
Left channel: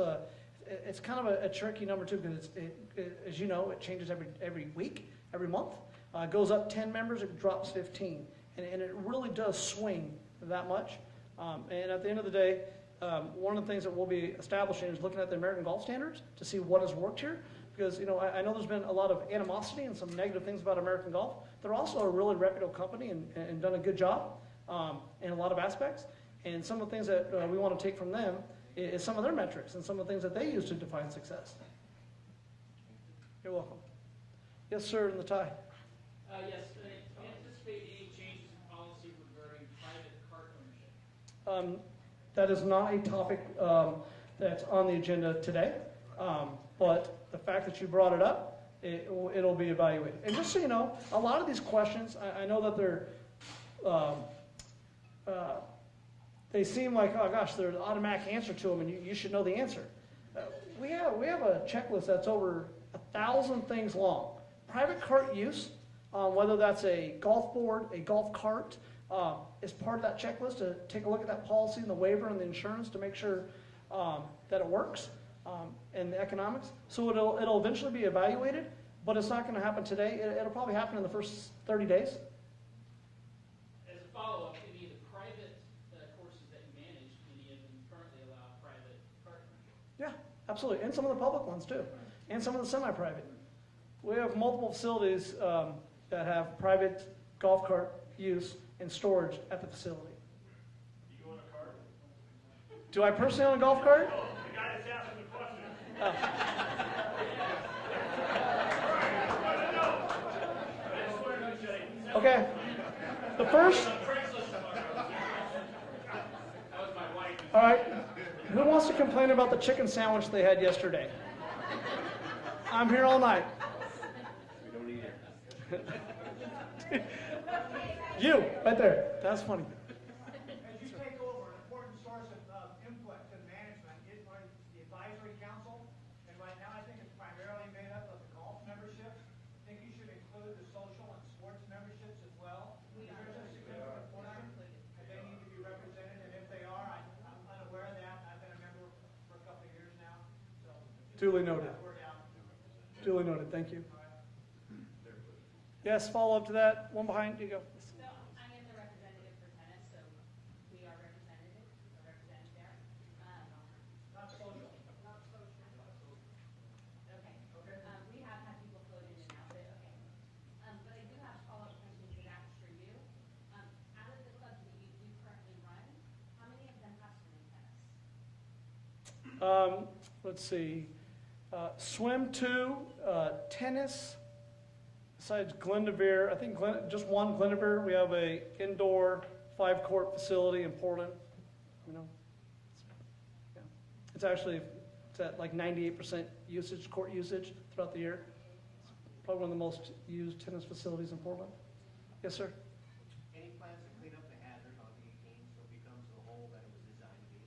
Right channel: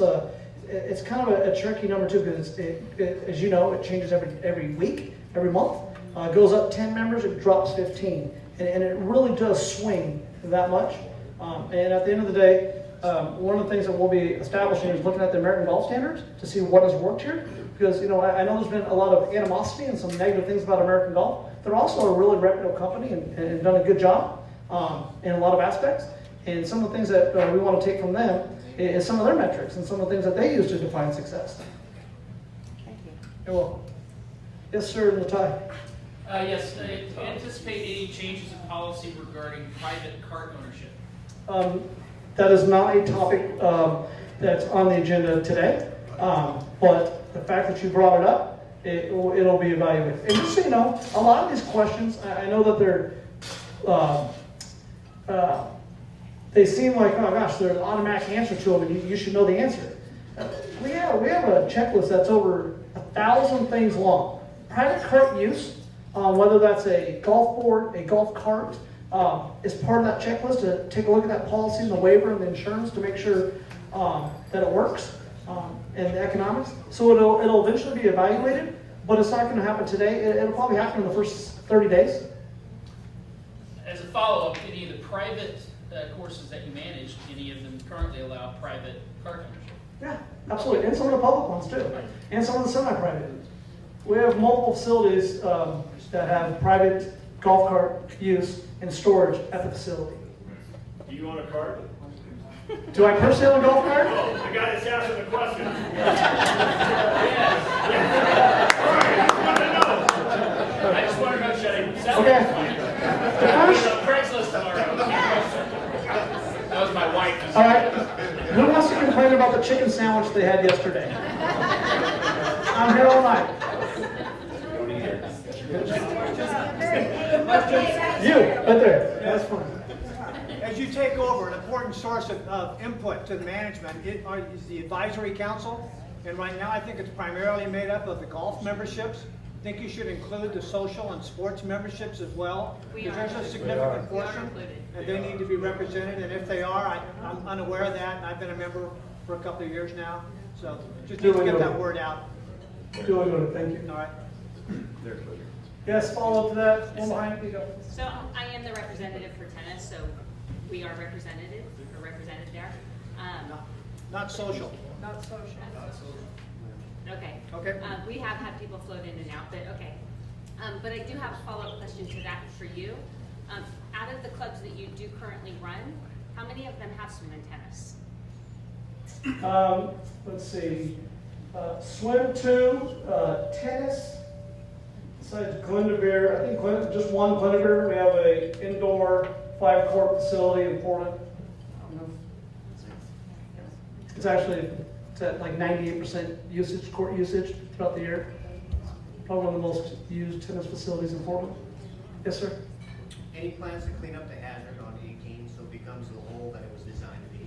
it's kind of a tricky number too, because as you know, it changes every week, every month. It goes up 10 members, it drops 15, and it really does swing that much. And at the end of the day, one of the things that we'll be establishing is looking at the American Golf Standards to see what has worked here. Because I know there's been a lot of animosity and some negative things about American Golf. They're also a really reputable company and done a good job in a lot of aspects. And some of the things that we want to take from them is some of their metrics and some of the things that they use to define success. Thank you. You're welcome. Yes, sir, Latai. Yes, anticipate any changes in policy regarding private cart ownership? That is not a topic that's on the agenda today, but the fact that you brought it up, it'll be evaluated. And just so you know, a lot of these questions, I know that they seem like, oh gosh, there's an automatic answer to them, and you should know the answer. We have a checklist that's over 1,000 things long. Private cart use, whether that's a golf board, a golf cart, is part of that checklist to take a look at that policy and the waiver and the insurance to make sure that it works and the economics. So it'll eventually be evaluated, but it's not going to happen today. It'll probably happen in the first 30 days. As a follow-up, any of the private courses that you manage, any of them currently allow private cart ownership? Yeah, absolutely. And some of the public ones too. And some of the semi-private. We have multiple facilities that have private golf cart use and storage at the facility. Do you own a cart? Do I personally own a golf cart? Oh, the guy that's asking the question. I just want to know, should I Okay. Craigslist tomorrow? That was my wife. All right. Who wants to complain about the chicken sandwich they had yesterday? I'm here all night. You, right there. That's fine. As you take over, an important source of input to the management is the advisory council. And right now, I think it's primarily made up of the golf memberships. I think you should include the social and sports memberships as well, because there's a significant portion, and they need to be represented. And if they are, I'm unaware of that, and I've been a member for a couple of years now. So just need to get that word out. Duly noted. Thank you. All right. Yes, follow up to that. One behind you. Go. So I am the representative for tennis, so we are represented there. Not social. Not social. Okay. Okay. We have had people float in and out, but okay. But I do have a follow-up question to that for you. Out of the clubs that you do currently run, how many of them have swim and tennis? Let's see. Swim 2, tennis. Besides Glendover, I think just one Glendover. We have an indoor 5-court facility in Portland. It's at like 98% usage, court usage throughout the year. Probably one of the most used tennis facilities in Portland. Yes, sir. Any plans to clean up the hazard on 18 so it becomes the hole that it was designed to be?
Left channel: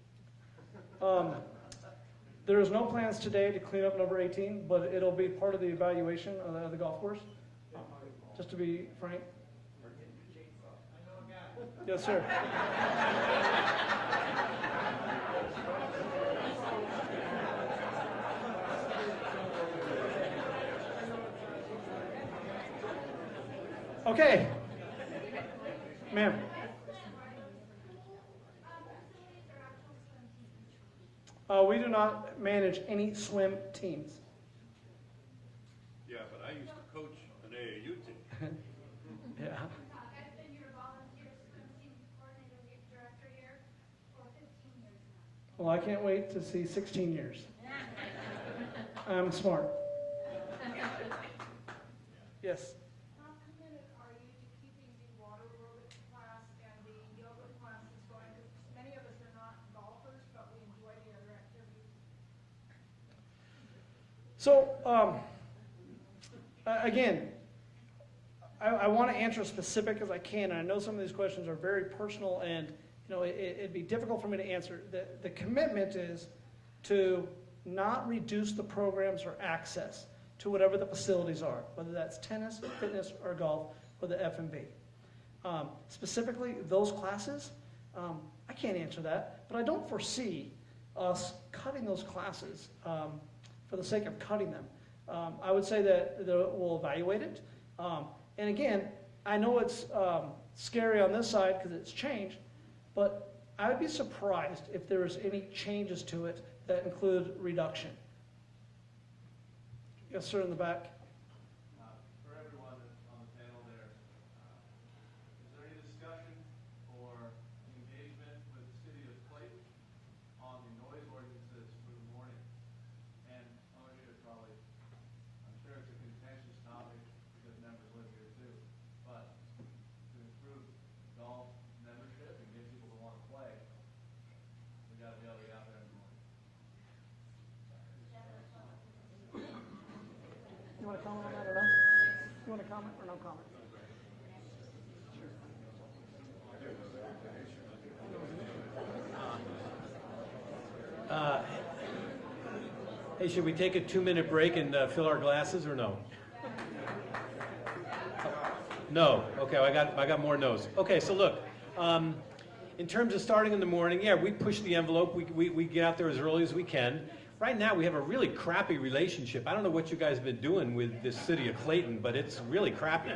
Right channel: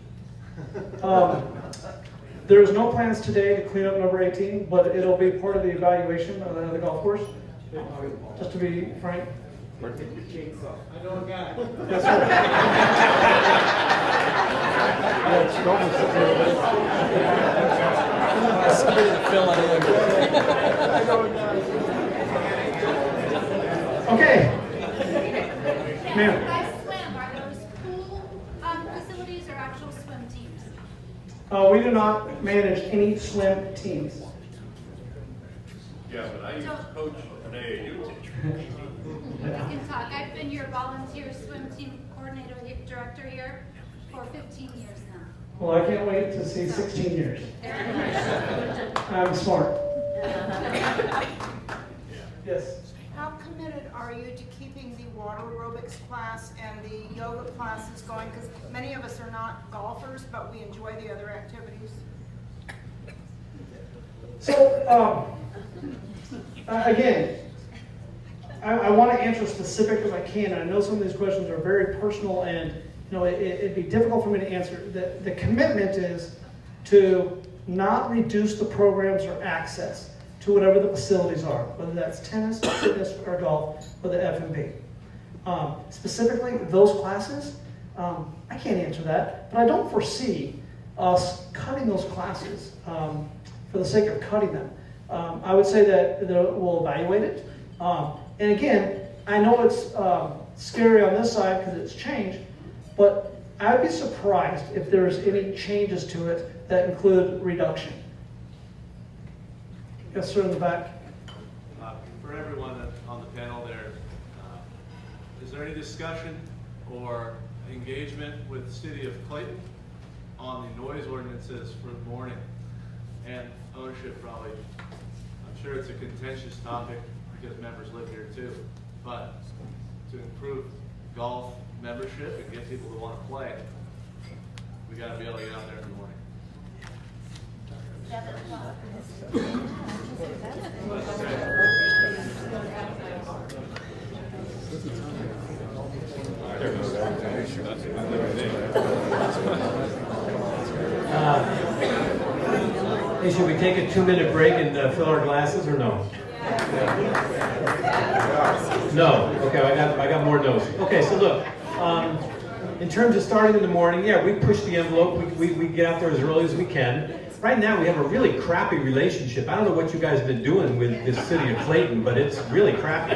There's no plans today to clean up number 18, but it'll be part of the evaluation of the golf course. Just to be frank. I know a guy. Yes, sir. Okay. Ma'am. You guys swim, are those pool facilities or actual swim teams? We do not manage any swim teams. Yeah, but I used to coach an AAU team. You can talk. I've been your volunteer swim team coordinator, director here for 15 years now. Well, I can't wait to see 16 years. I'm smart. Yes. How committed are you to keeping the water aerobics class and the yoga classes going? Because many of us are not golfers, but we enjoy the other activities. So, again, I want to answer specific as I can. I know some of these questions are very personal, and it'd be difficult for me to answer. The commitment is to not reduce the programs or access to whatever the facilities are, whether that's tennis, fitness, or golf, or the F&B. Specifically, those classes, I can't answer that, but I don't foresee us cutting those classes for the sake of cutting them. I would say that we'll evaluate it. And again, I know it's scary on this side because it's changed, but I'd be surprised if there's any changes to it that include reduction. Yes, sir, in the back. For everyone on the panel there, is there any discussion or engagement with the city of Clayton on the noise ordinances for the morning and ownership? Probably, I'm sure it's a contentious topic because members live here too, but to improve golf membership and get people to want to play, we got to be able to get out there in the morning. Hey, should we take a 2-minute break and fill our glasses, or no? No. Okay, I got more no's. Okay, so look, in terms of starting in the morning, yeah, we push the envelope. We get out there as early as we can. Right now, we have a really crappy relationship. I don't know what you guys have been doing with this city of Clayton, but it's really crappy.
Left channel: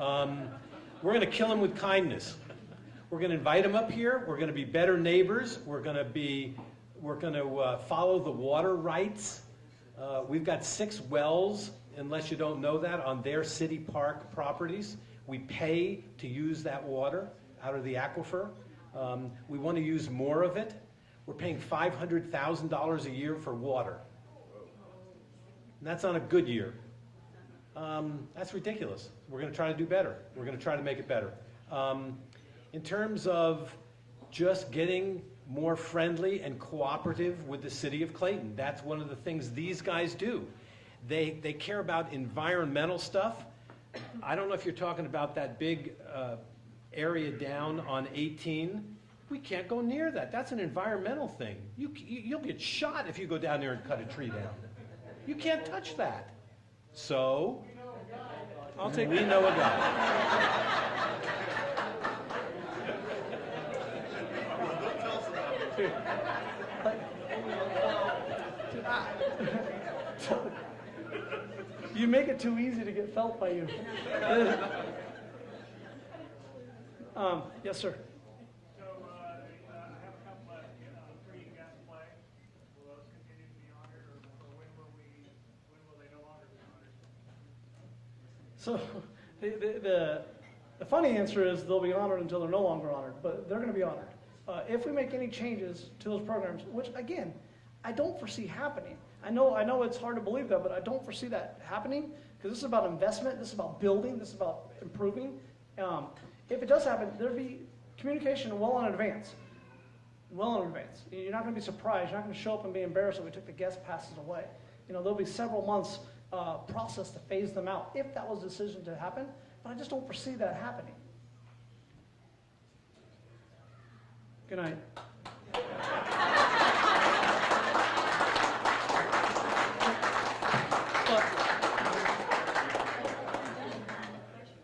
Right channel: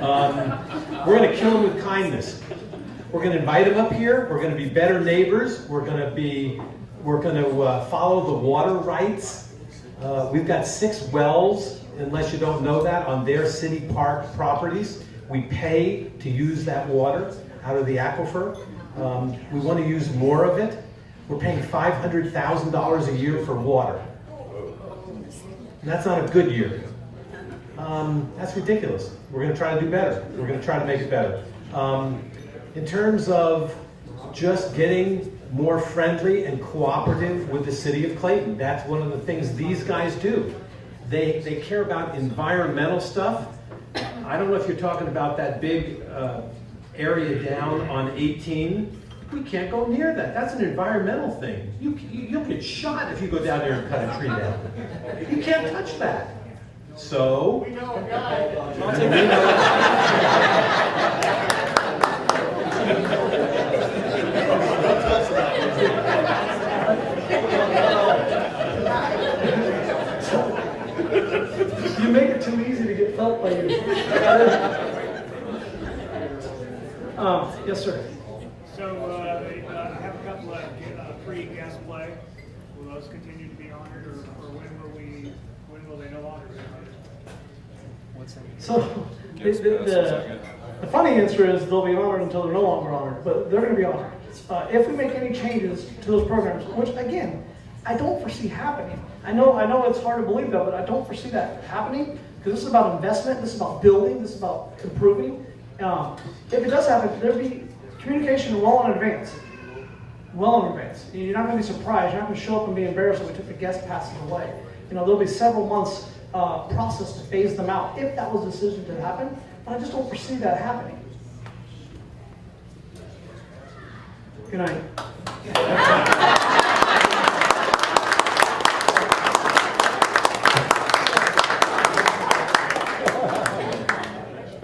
We're going to kill them with kindness. We're going to invite them up here. We're going to be better neighbors. We're going to follow the water rights. We've got 6 wells, unless you don't know that, on their city park properties. We pay to use that water out of the aquifer. We want to use more of it. We're paying $500,000 a year for water. That's not a good year. That's ridiculous. We're going to try to do better. We're going to try to make it better. In terms of just getting more friendly and cooperative with the city of Clayton, that's one of the things these guys do. They care about environmental stuff. I don't know if you're talking about that big area down on 18. We can't go near that. That's an environmental thing. You'll get shot if you go down there and cut a tree down. You can't touch that. So, We know a guy. You make it too easy to get felt by you. Yes, sir. So, I have a couple of free guest play. Will those continue to be honored, or when will they no longer be honored? So, the funny answer is they'll be honored until they're no longer honored, but they're going to be honored. If we make any changes to those programs, which again, I don't foresee happening. I know it's hard to believe that, but I don't foresee that happening because this is about investment, this is about building, this is about improving. If it does happen, there'll be communication well in advance. Well in advance. You're not going to be surprised. You're not going to show up and be embarrassed that we took the guest passes away. There'll be several months process to phase them out if that was a decision to happen, but I just don't foresee that happening. Good night.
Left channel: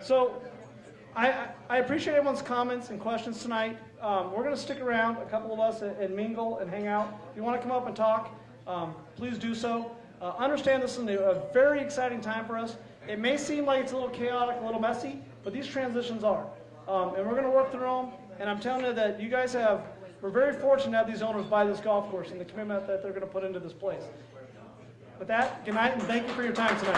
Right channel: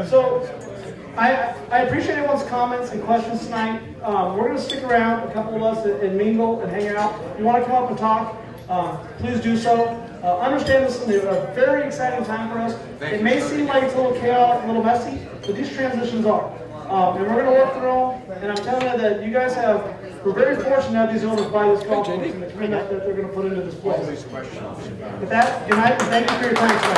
So, I appreciate everyone's comments and questions tonight. We're going to stick around, a couple of us, and mingle and hang out. If you want to come up and talk, please do so. Understand this is a very exciting time for us. It may seem like it's a little chaotic, a little messy, but these transitions are. And we're going to work through them. And I'm telling you that you guys we're very fortunate to have these owners buy this golf course and the commitment that they're going to put into this place. With that, good night, and thank you for your time tonight.